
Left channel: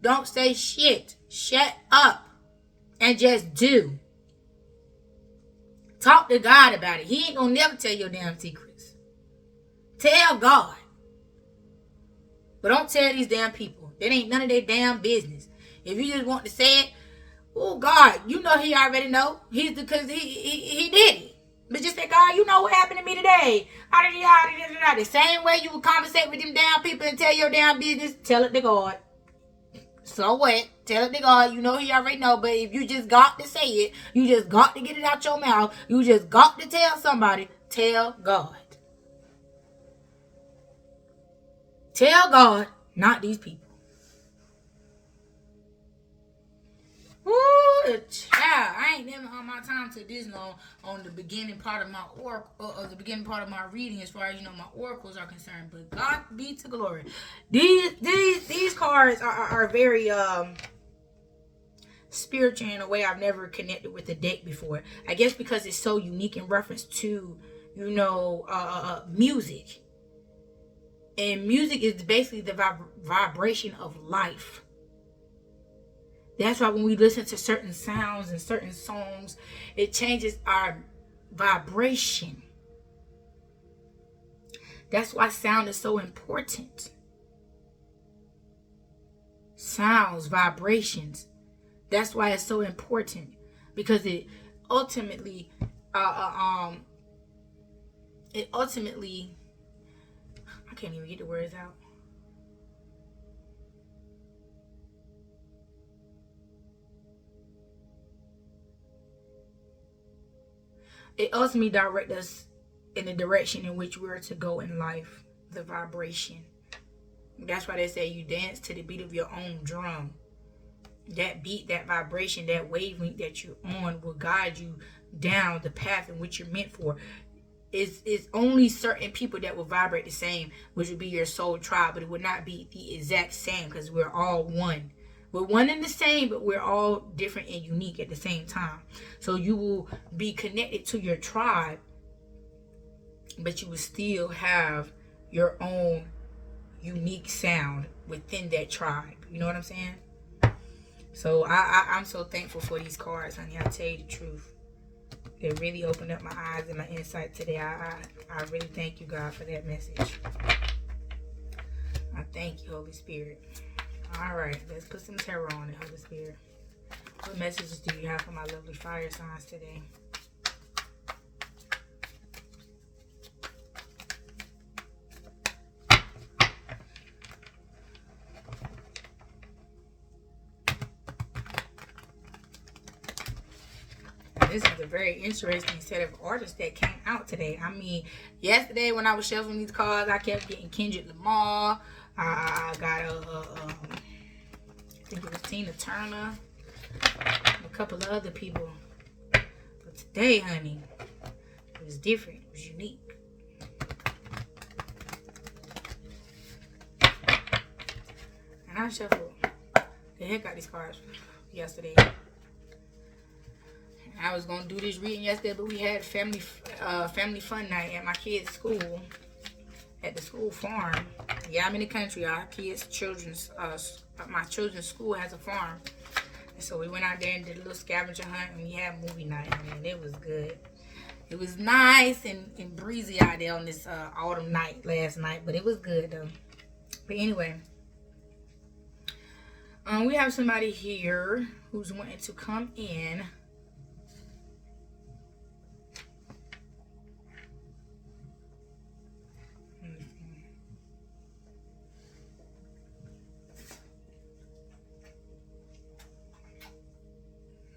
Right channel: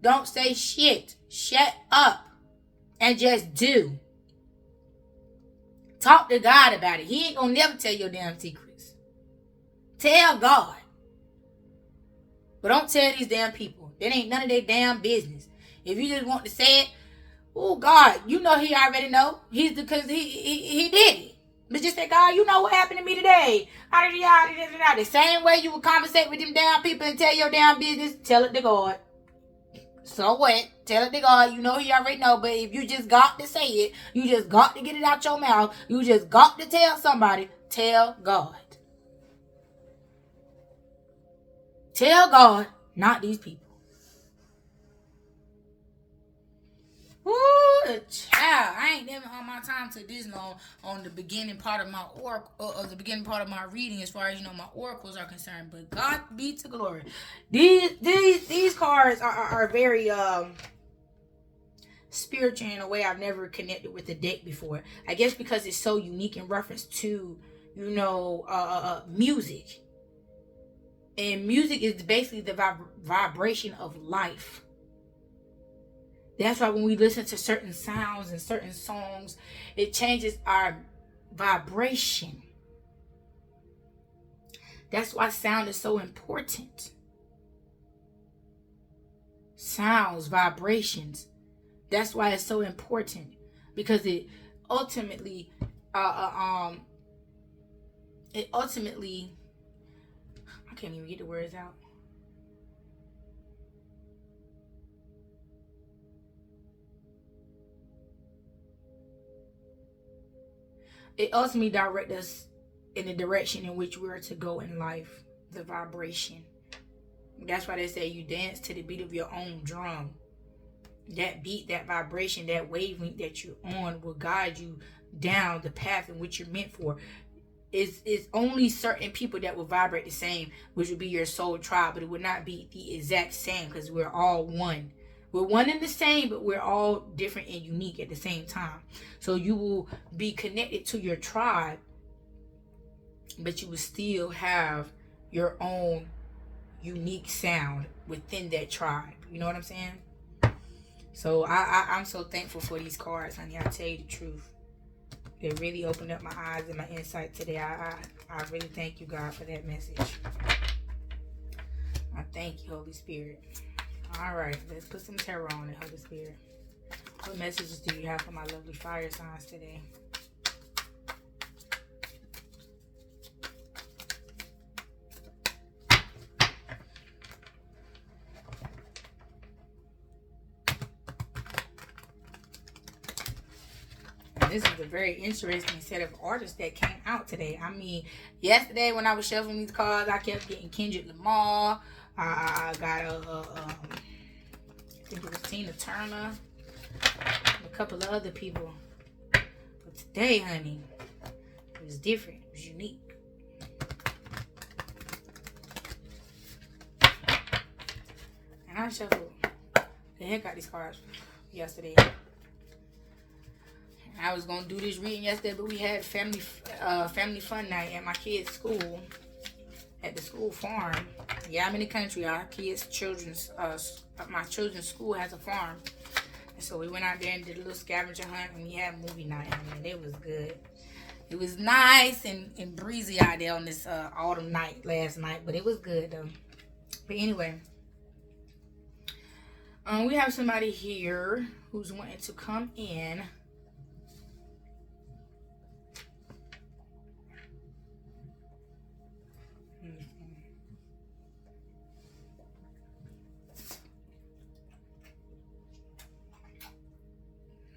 Don't say shit. Shut up. And just do. Talk to God about it. He ain't gonna never tell your damn secrets. Tell God. But don't tell these damn people. That ain't none of their damn business. If you just want to say it, oh God, you know he already know. Because he did it. But just say, God, you know what happened to me today. The same way you would conversate with them damn people and tell your damn business, tell it to God. So what? Tell it to God. You know he already know. But if you just got to say it, you just got to get it out your mouth, you just got to tell somebody, tell God. Tell God, not these people. child, I ain't never on my time to this no on the beginning part of my oracle, the beginning part of my reading, as far as my oracles are concerned. But God be to glory. These cards are very spiritual in a way I've never connected with the deck before. I guess because it's so unique in reference to music. And music is basically the vibration of life. That's why when we listen to certain sounds and certain songs, it changes our vibration. That's why sound is so important. Sounds, vibrations. That's why it's so important, because it ultimately, I can't even get the words out. It ultimately directs us in the direction in which we're to go in life, the vibration. That's why they say you dance to the beat of your own drum. That beat, that vibration, that wavelength that you're on will guide you down the path in which you're meant for. It's only certain people that will vibrate the same, which would be your soul tribe, but it would not be the exact same, because we're all one. We're one and the same, but we're all different and unique at the same time. So you will be connected to your tribe, but you will still have your own unique sound within that tribe. You know what I'm saying? So I'm so thankful for these cards, honey. I tell you the truth. It really opened up my eyes and my insight today. I really thank you, God, for that message. I thank you, Holy Spirit. All right, let's put some tarot on it, Holy Spirit. What messages do you have for my lovely fire signs today? This is a very interesting set of artists that came out today. I mean, yesterday when I was shuffling these cards, I kept getting Kendrick Lamar. I got I think it was Tina Turner, and a couple of other people. But today, honey, it was different. It was unique. And I shuffled the heck out these cards yesterday. I was gonna do this reading yesterday, but we had family fun night at my kids' school, at the school farm. Yeah, I'm in the country. My children's school has a farm, and so we went out there and did a little scavenger hunt, and we had movie night, and it was good. It was nice and breezy out there on this autumn night last night, but it was good though. But anyway, we have somebody here who's wanting to come in.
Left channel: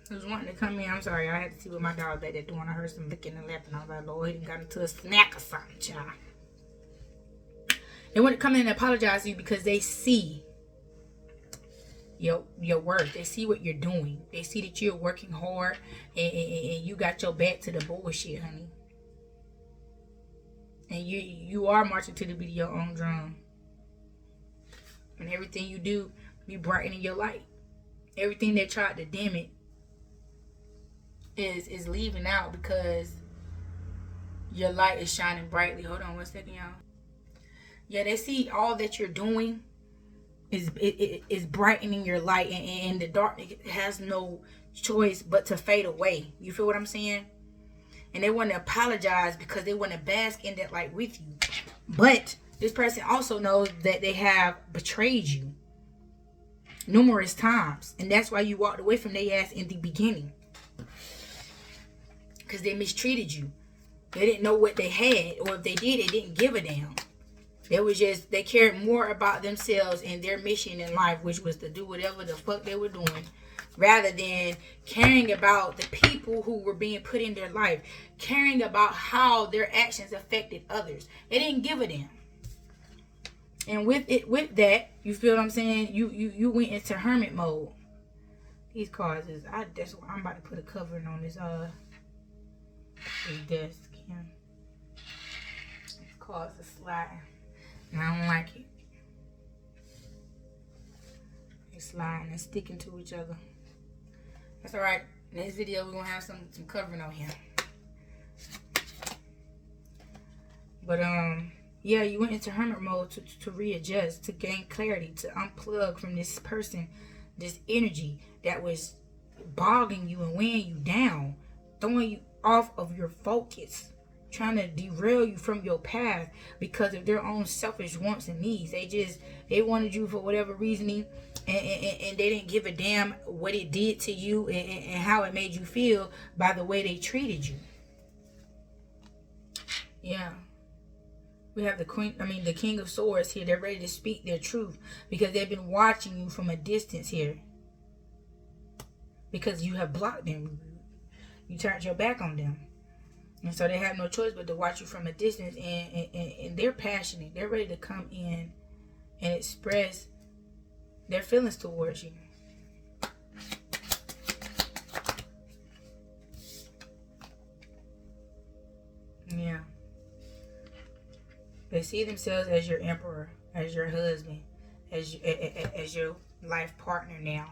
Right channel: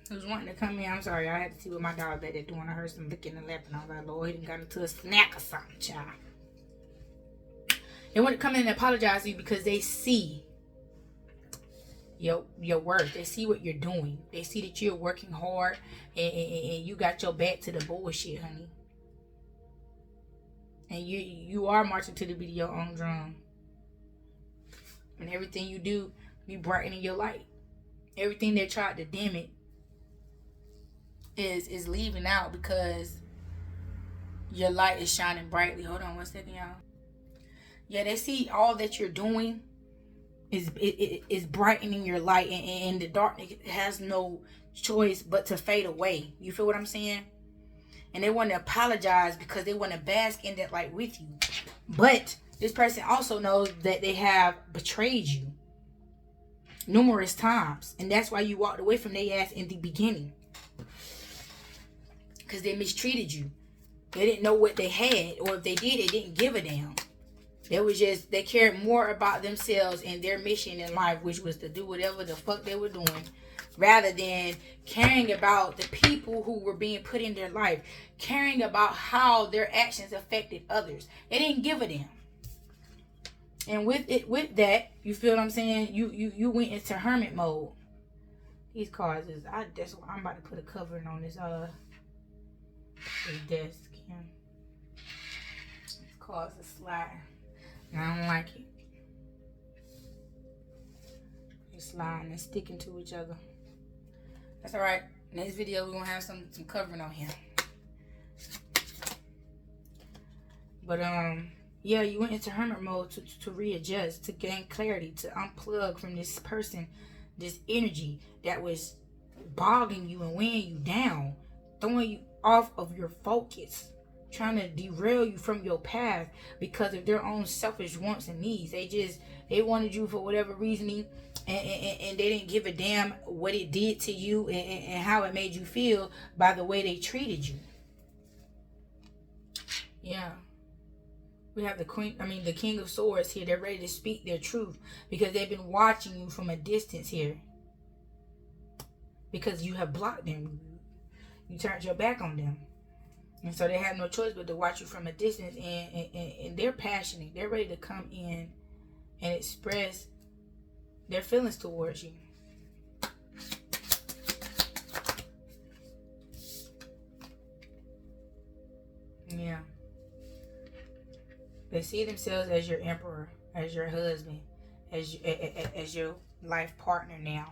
Who's wanting to come in. I'm sorry, I had to see what my dog back there doing. I heard some licking and lapping. I was like, Lord, he done got into a snack or something, child. They want to come in and apologize to you because they see your work. They see what you're doing. They see that you're working hard and you got your back to the bullshit, honey. And you are marching to the beat of your own drum. And everything you do, be brightening your light. Everything that tried to dim it is leaving out because your light is shining brightly. Hold on one second, y'all. Yeah, they see all that you're doing is brightening your light, and the darkness has no choice but to fade away. You feel what I'm saying? And they want to apologize because they want to bask in that light with you. But this person also knows that they have betrayed you numerous times, and that's why you walked away from their ass in the beginning. Because they mistreated you. They didn't know what they had, or if they did, they didn't give a damn. They cared more about themselves and their mission in life, which was to do whatever the fuck they were doing, rather than caring about the people who were being put in their life, caring about how their actions affected others. They didn't give a damn. And with that, you feel what I'm saying? You went into hermit mode. These cards is, that's why I'm about to put a covering on this desk. Yeah. These cards are sliding, and I don't like it. They're sliding and sticking to each other. That's all right. Next video we're gonna have some covering on here. But yeah, you went into hermit mode to readjust, to gain clarity, to unplug from this person, this energy that was bogging you and weighing you down, throwing you off of your focus, trying to derail you from your path because of their own selfish wants and needs. They wanted you for whatever reasoning, and they didn't give a damn what it did to you and how it made you feel by the way they treated you. Yeah. We have the King of Swords here. They're ready to speak their truth because they've been watching you from a distance here. Because you have blocked them. You turned your back on them. And so they have no choice but to watch you from a distance. And they're passionate. They're ready to come in and express their feelings towards you. Yeah. They see themselves as your emperor, as your husband, as your life partner now.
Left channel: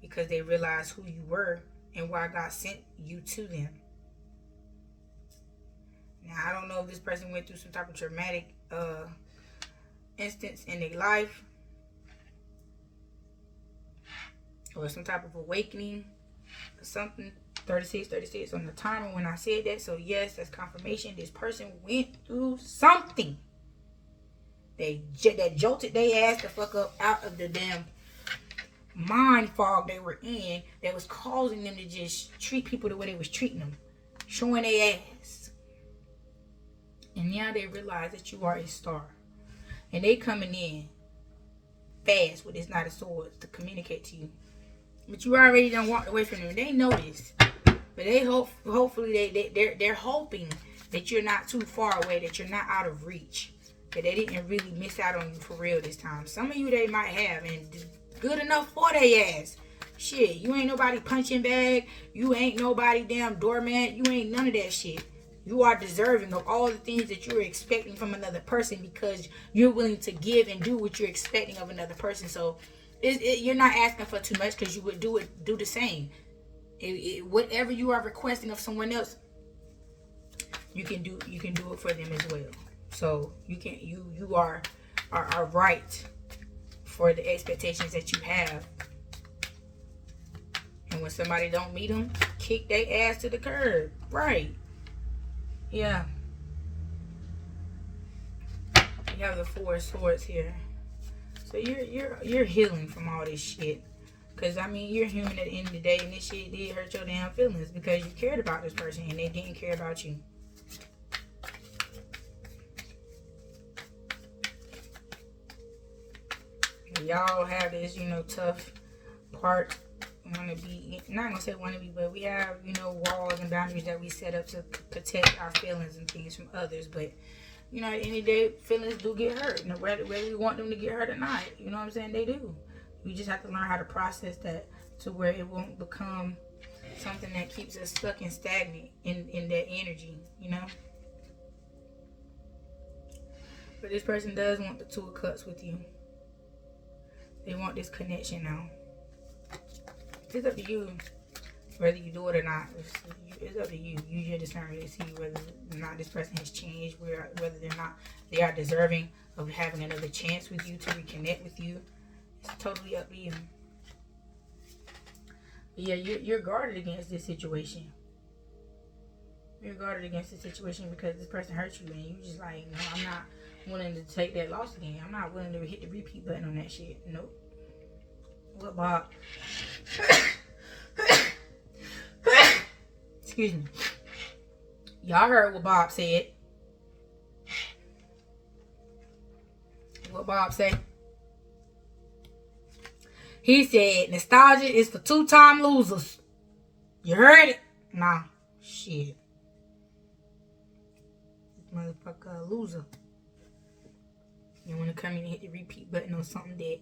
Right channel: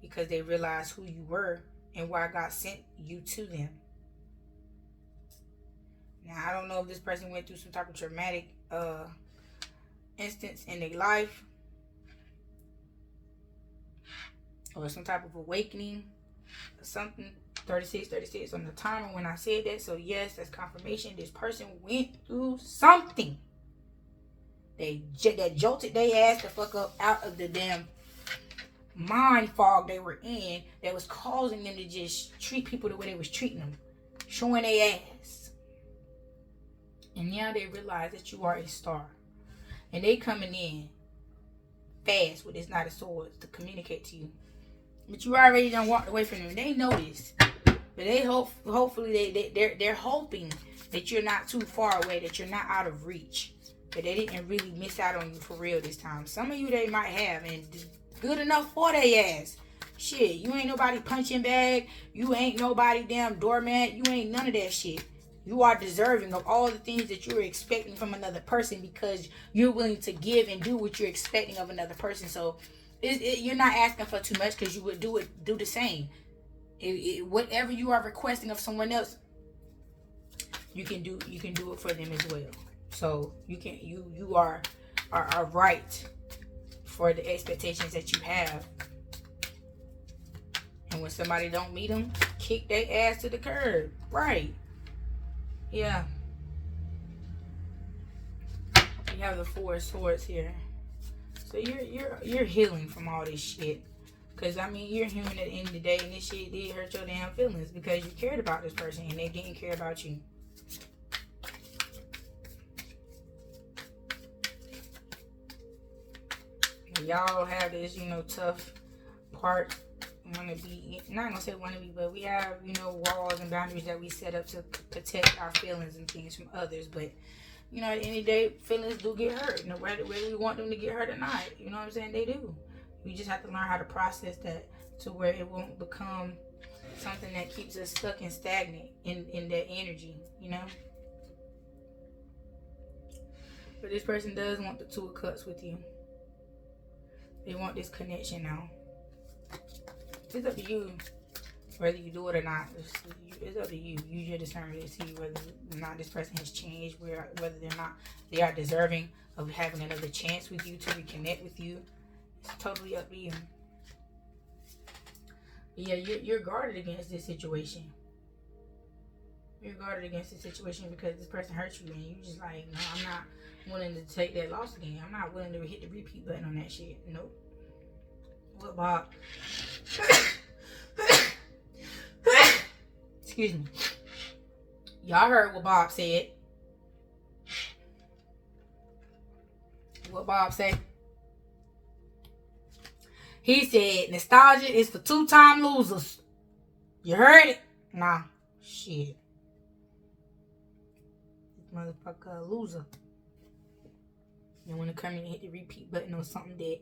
Because they realize who you were and why God sent you to them. Now, I don't know if this person went through some type of traumatic instance in their life, or some type of awakening or something. 36 on the timer when I said that. So yes, that's confirmation. This person went through something. That jolted their ass the fuck up out of the damn mind fog they were in, that was causing them to just treat people the way they was treating them, showing their ass. And now they realize that you are a star, and they coming in fast with this Knight of Swords to communicate to you. But you already done walked away from them. They know this, but they hopefully they're hoping that you're not too far away, that you're not out of reach, that they didn't really miss out on you for real this time. Some of you they might have, and good enough for their ass. Shit, you ain't nobody punching bag. You ain't nobody damn doormat. You ain't none of that shit. You are deserving of all the things that you're expecting from another person because you're willing to give and do what you're expecting of another person. So you're not asking for too much, because you would do the same. Whatever you are requesting of someone else, you can do it for them as well. So you are right for the expectations that you have. And when somebody don't meet them, kick their ass to the curb. Right. Yeah. You have the Four of Swords here. So you're healing from all this shit. Because, I mean, you're human at the end of the day, and this shit did hurt your damn feelings because you cared about this person and they didn't care about you. Y'all have this, tough part. Not gonna say wanna be, but we have, walls and boundaries that we set up to protect our feelings and things from others. But, at the end of the day, feelings do get hurt. Whether we want them to get hurt or not, you know what I'm saying? They do. We just have to learn how to process that to where it won't become something that keeps us stuck and stagnant in that energy, But this person does want the Two of Cups with you. They want this connection now. It's up to you whether you do it or not. It's up to you. Use your discernment to see whether or not this person has changed, whether they are deserving of having another chance with you, to reconnect with you. It's totally up to you. But yeah, you're guarded against this situation. You're guarded against this situation because this person hurt you, and you just like, no, I'm not willing to take that loss again. I'm not willing to hit the repeat button on that shit. Nope. What, Bob? Excuse me. Y'all heard what Bob said. What Bob said? He said nostalgia is for two-time losers. You heard it? Nah. Shit. This motherfucker a loser. You want to come in and hit the repeat button on something that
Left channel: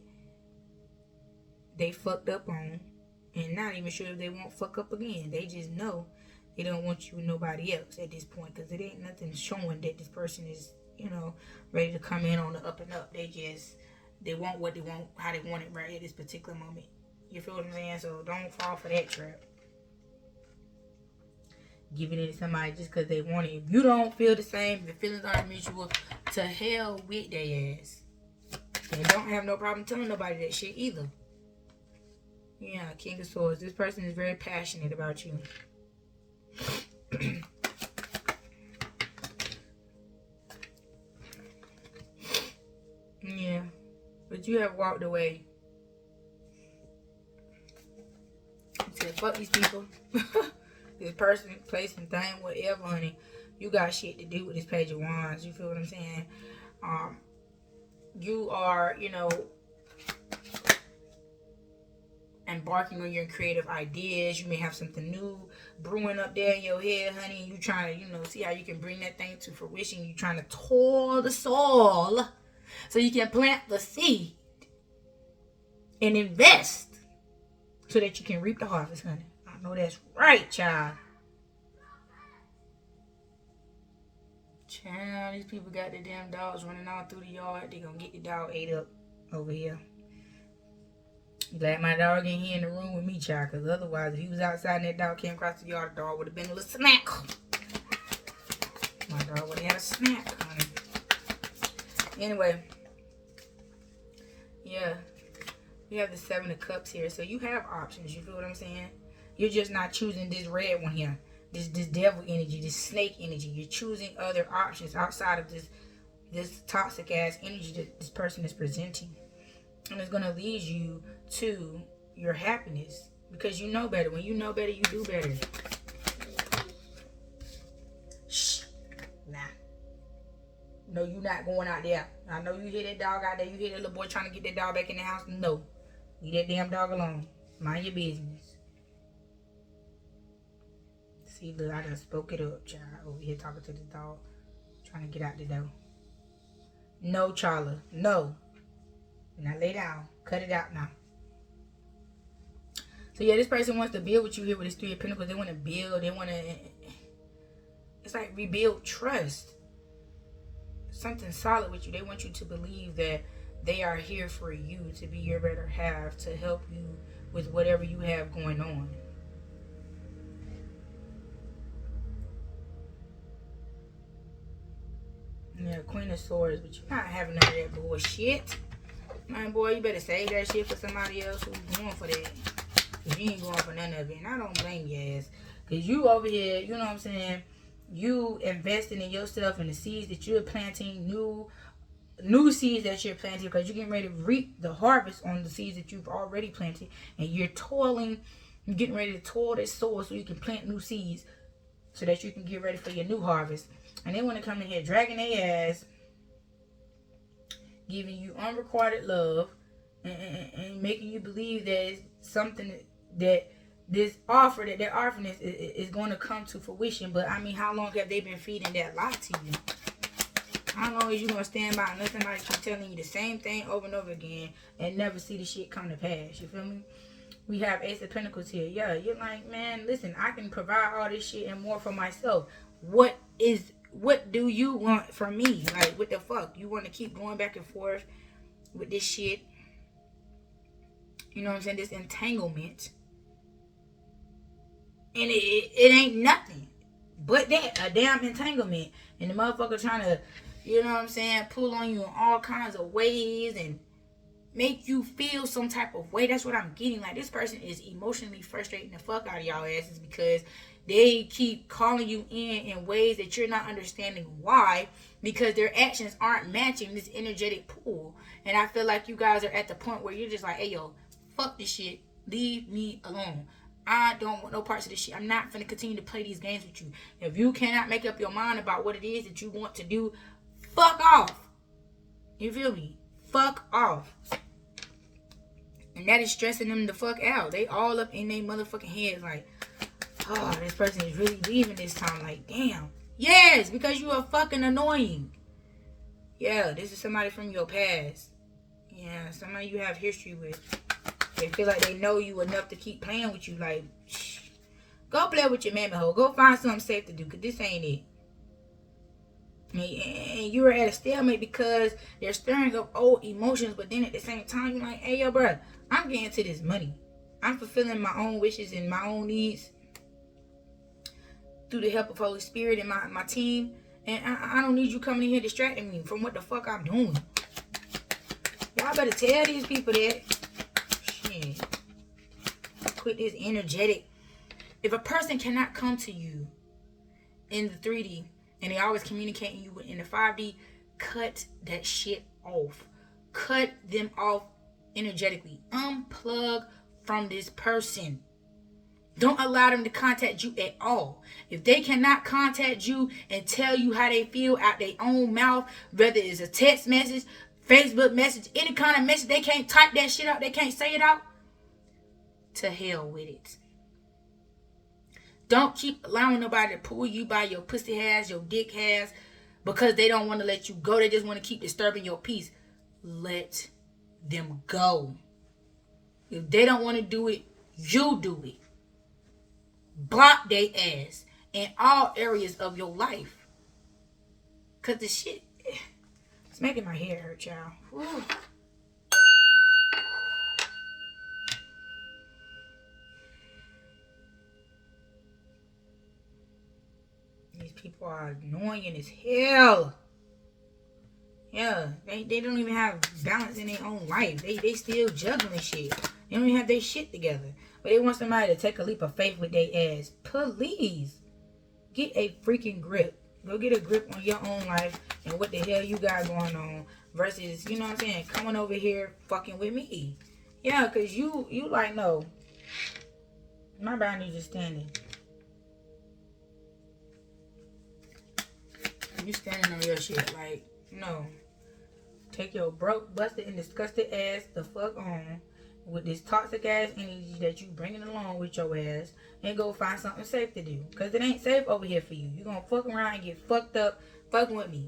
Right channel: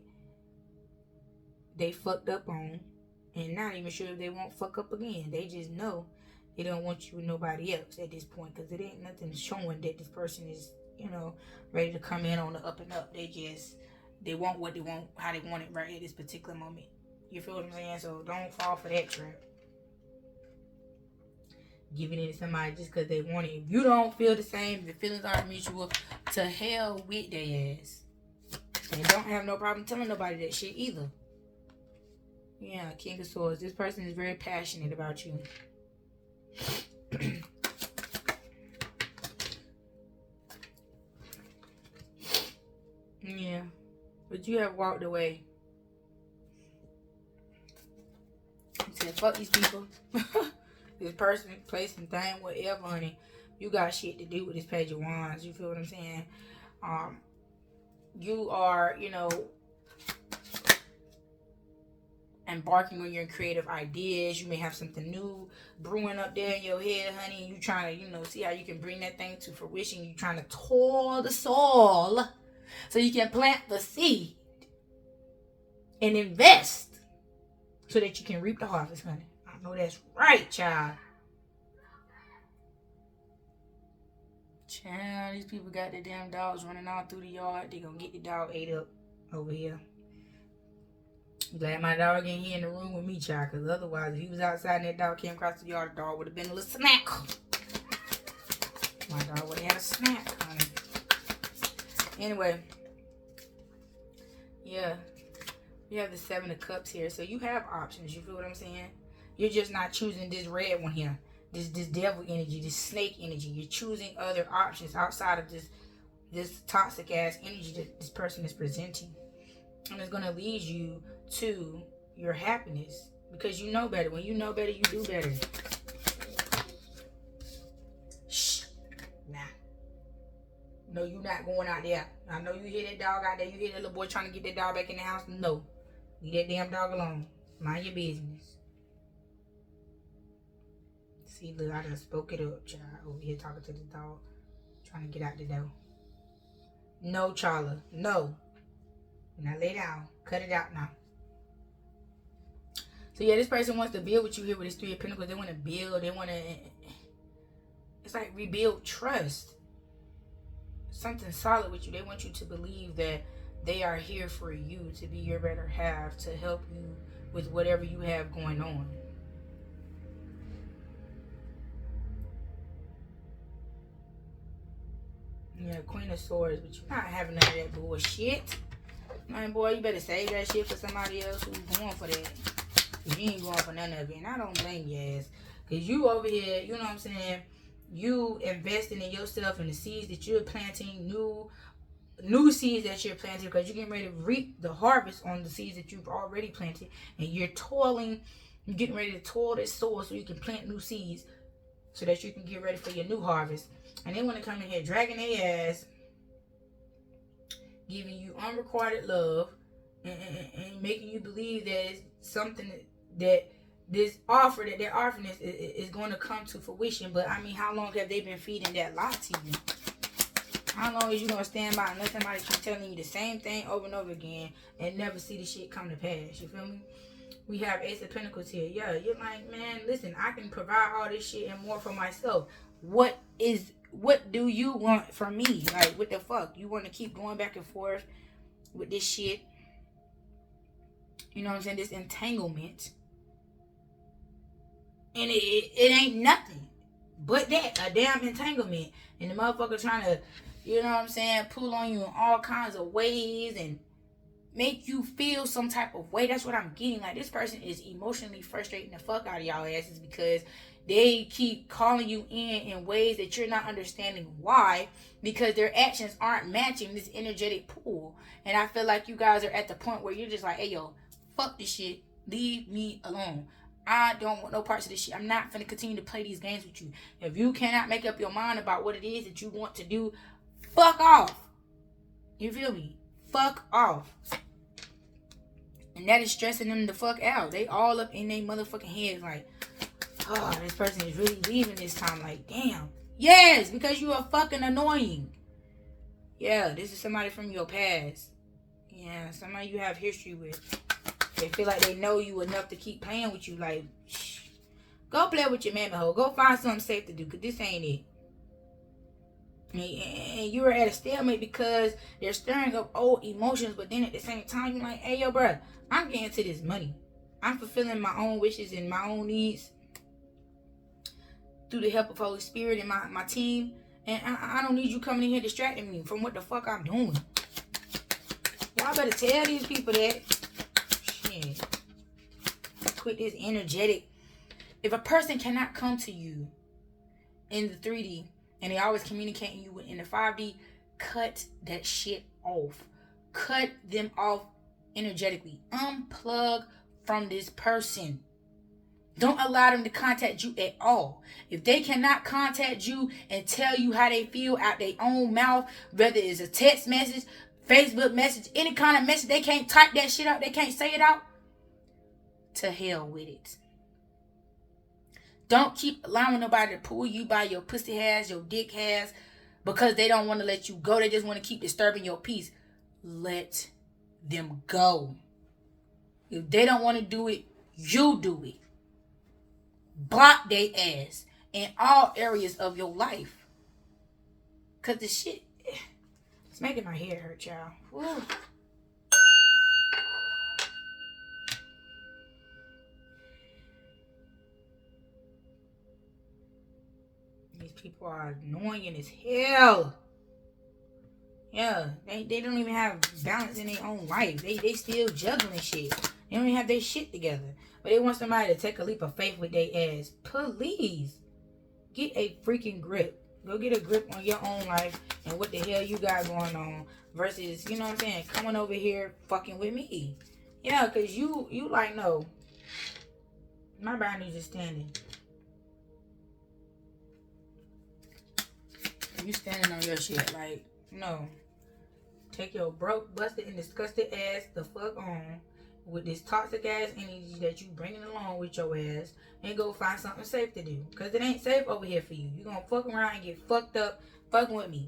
they fucked up on. And not even sure if they won't fuck up again. They just know they don't want you with nobody else at this point. Because it ain't nothing showing that this person is, ready to come in on the up and up. They want what they want, how they want it right at this particular moment. You feel what I'm saying? So don't fall for that trap. Giving it to somebody just because they want it. If you don't feel the same, the feelings aren't mutual, to hell with their ass. And don't have no problem telling nobody that shit either. Yeah, King of Swords. This person is very passionate about you. Yeah. But you have walked away. You said, fuck these people. This person, place, and thing, whatever, honey. You got shit to do with this Page of Wands. You feel what I'm saying? You are, embarking on your creative ideas. You may have something new brewing up there in your head, honey. You trying to, see how you can bring that thing to fruition. You trying to toil the soil so you can plant the seed and invest so that you can reap the harvest, honey. I know that's right, child. Child, these people got their damn dogs running all through the yard. They gonna get the dog ate up over here. Glad my dog ain't here in the room with me, child, because otherwise, if he was outside and that dog came across the yard, the dog would have been a little snack. My dog would have had a snack, honey. Anyway, yeah, you have the 7 of Cups here, so you have options. You feel what I'm saying? You're just not choosing this red one here, this devil energy, this snake energy. You're choosing other options outside of this toxic ass energy that this person is presenting. And it's going to lead you to your happiness. Because you know better. When you know better, you do better. Shh. Nah. No, you're not going out there. I know you hear that dog out there. You hear that little boy trying to get that dog back in the house. No. Leave that damn dog alone. Mind your business. See, look, I just spoke it up, child. Over here talking to the dog. Trying to get out the door. No, Charla. No. Now lay down. Cut it out now. So yeah, this person wants to build with you here with this 3 of Pentacles. They want to build. They want to, it's like rebuild trust. Something solid with you. They want you to believe that they are here for you, to be your better half, to help you with whatever you have going on. Yeah, Queen of Swords, but you're not having none of that bullshit. Man, boy, you better save that shit for somebody else who's going for that. Because you ain't going for none of it. And I don't blame your ass. Because you over here, you know what I'm saying? You investing in yourself and the seeds that you're planting, new seeds that you're planting, because you're getting ready to reap the harvest on the seeds that you've already planted. And you're toiling, you're getting ready to toil this soil so you can plant new seeds so that you can get ready for your new harvest. And they want to come in here dragging their ass, giving you unrequited love, and making you believe that it's something that this offer, that their offering is going to come to fruition. But I mean, how long have they been feeding that lie to you? How long is you going to stand by and let somebody keep telling you the same thing over and over again and never see the shit come to pass? You feel me? We have Ace of Pentacles here. Yeah, you're like, man, listen, I can provide all this shit and more for myself. What do you want from me? Like, what the fuck? You want to keep going back and forth with this shit? You know what I'm saying? This entanglement. And it ain't nothing but that. A damn entanglement. And the motherfucker trying to, you know what I'm saying, pull on you in all kinds of ways and make you feel some type of way. That's what I'm getting. Like, this person is emotionally frustrating the fuck out of y'all asses because they keep calling you in ways that you're not understanding why, because their actions aren't matching this energetic pool. And I feel like you guys are at the point where you're just like, hey, yo, fuck this shit. Leave me alone. I don't want no parts of this shit. I'm not going to continue to play these games with you. If you cannot make up your mind about what it is that you want to do, fuck off. You feel me? Fuck off. And that is stressing them the fuck out. They all up in their motherfucking heads like, oh, this person is really leaving this time. Like, damn. Yes, because you are fucking annoying. Yeah, this is somebody from your past. Yeah, somebody you have history with. They feel like they know you enough to keep playing with you. Like, shh. Go play with your mammy hoe. Go find something safe to do, because this ain't it. And you're at a stalemate because they're stirring up old emotions, but then at the same time, you're like, hey, yo, bro, I'm getting to this money. I'm fulfilling my own wishes and my own needs through the help of Holy Spirit and my team. And I don't need you coming in here distracting me from what the fuck I'm doing. Y'all better tell these people that. Shit. Quit this energetic. If a person cannot come to you in the 3D and they always communicating you in the 5D, cut that shit off. Cut them off energetically. Unplug from this person. Don't allow them to contact you at all. If they cannot contact you and tell you how they feel out their own mouth, whether it's a text message, Facebook message, any kind of message, they can't type that shit out, they can't say it out, to hell with it. Don't keep allowing nobody to pull you by your pussy ass, your dick ass, because they don't want to let you go. They just want to keep disturbing your peace. Let them go. If they don't want to do it, you do it. Block they ass in all areas of your life. Because the shit, it's making my head hurt, y'all. Woo. These people are annoying as hell. Yeah, they don't even have balance in their own life. They still juggling shit. They don't even have their shit together. But they want somebody to take a leap of faith with their ass. Please. Get a freaking grip. Go get a grip on your own life and what the hell you got going on. Versus, you know what I'm saying, coming over here fucking with me. Yeah, because you like, no. My boundaries is standing. You standing on your shit. Like, no. Take your broke, busted, and disgusted ass the fuck on with this toxic ass energy that you bringing along with your ass, and go find something safe to do. Because it ain't safe over here for you. You're going to fuck around and get fucked up fucking with me.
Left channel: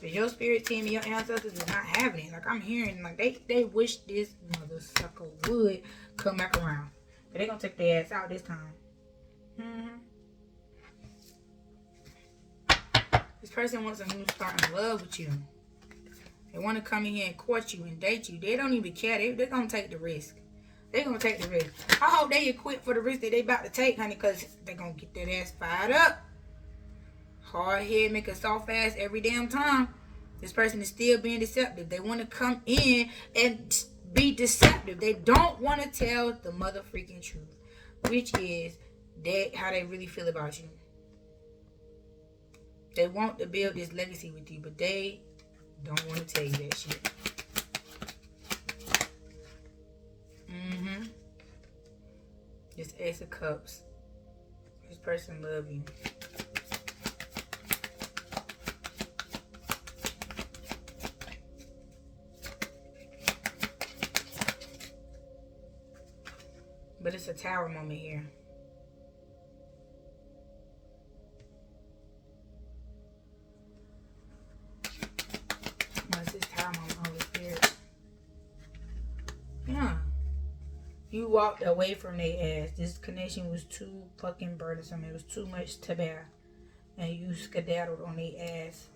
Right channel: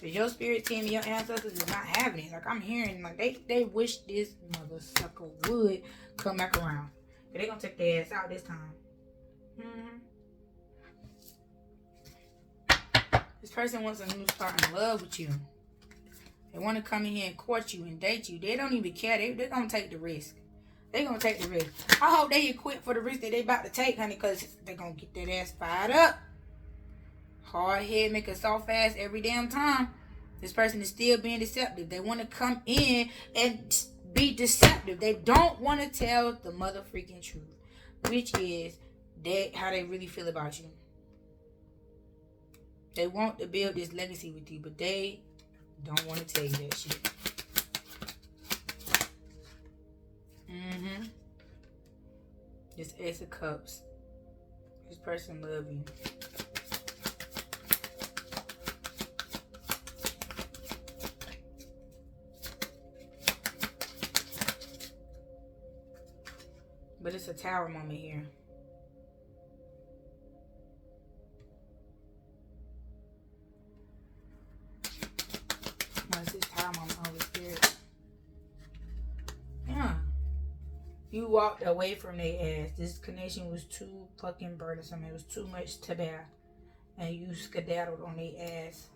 Because your spirit team and your ancestors is not having it. Like, I'm hearing, like, they wish this mother sucker would come back around. But they going to take their ass out this time. This person wants a new start in love with you. They want to come in here and court you and date you. They don't even care. They're going to take the risk. They're going to take the risk. I hope they equip for the risk that they about to take, honey, because they're going to get that ass fired up. Hard head, make a soft ass every damn time. This person is still being deceptive. They want to come in and be deceptive. They don't want to tell the mother freaking truth, which is that how they really feel about you. They want to build this legacy with you, but they don't want to tell you that shit. This Ace of Cups. This person love you. But it's a Tower moment here. You walked away from their ass. This connection was too fucking burdensome. It was too much to bear. And you skedaddled on their ass.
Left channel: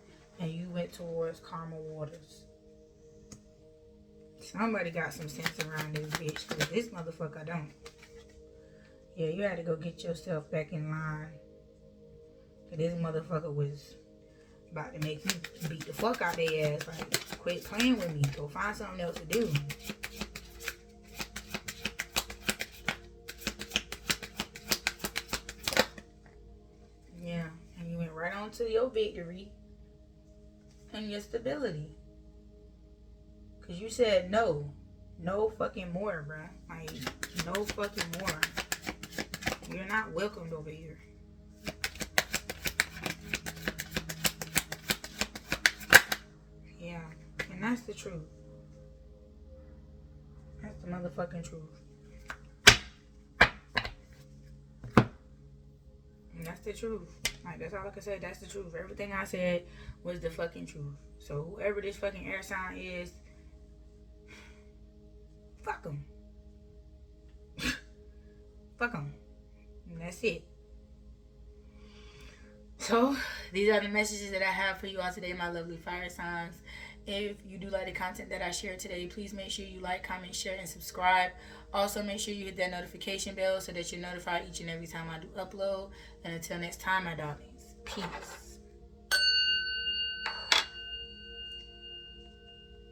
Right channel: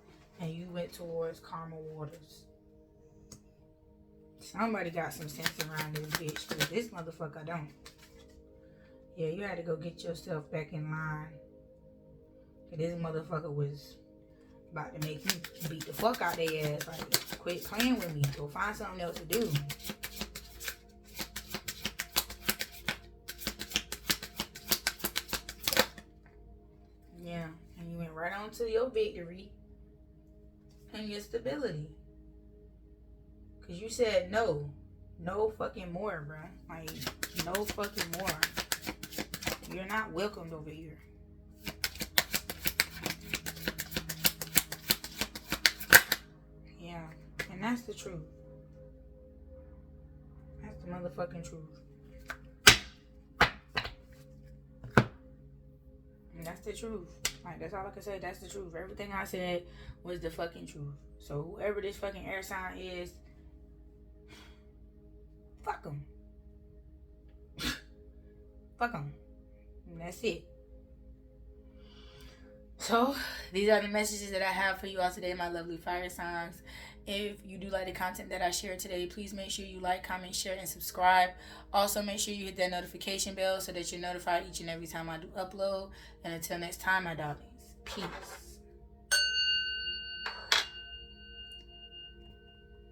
And you went towards calmer waters. Somebody got some sense around this bitch. Because this motherfucker don't. Yeah, you had to go get yourself back in line. Because this motherfucker was about to make you beat the fuck out their ass. Like, quit playing with me. Go find something else to do. Yeah, and you went right on to your victory and your stability. Because you said no. No fucking more, bruh. Like, no fucking more. You're not welcomed over here. Yeah, and that's the truth. That's the motherfucking truth. And that's the truth. Like, that's all I can say. That's the truth. Everything I said was the fucking truth. So whoever this fucking air sign is, Fuck them. Fuck them. And that's it. So, these are the messages that I have for you all today, my lovely fire signs. If you do like the content that I shared today, please make sure you like, comment, share, and subscribe. Also, make sure you hit that notification bell so that you're notified each and every time I do upload. And until next time, my darlings, peace.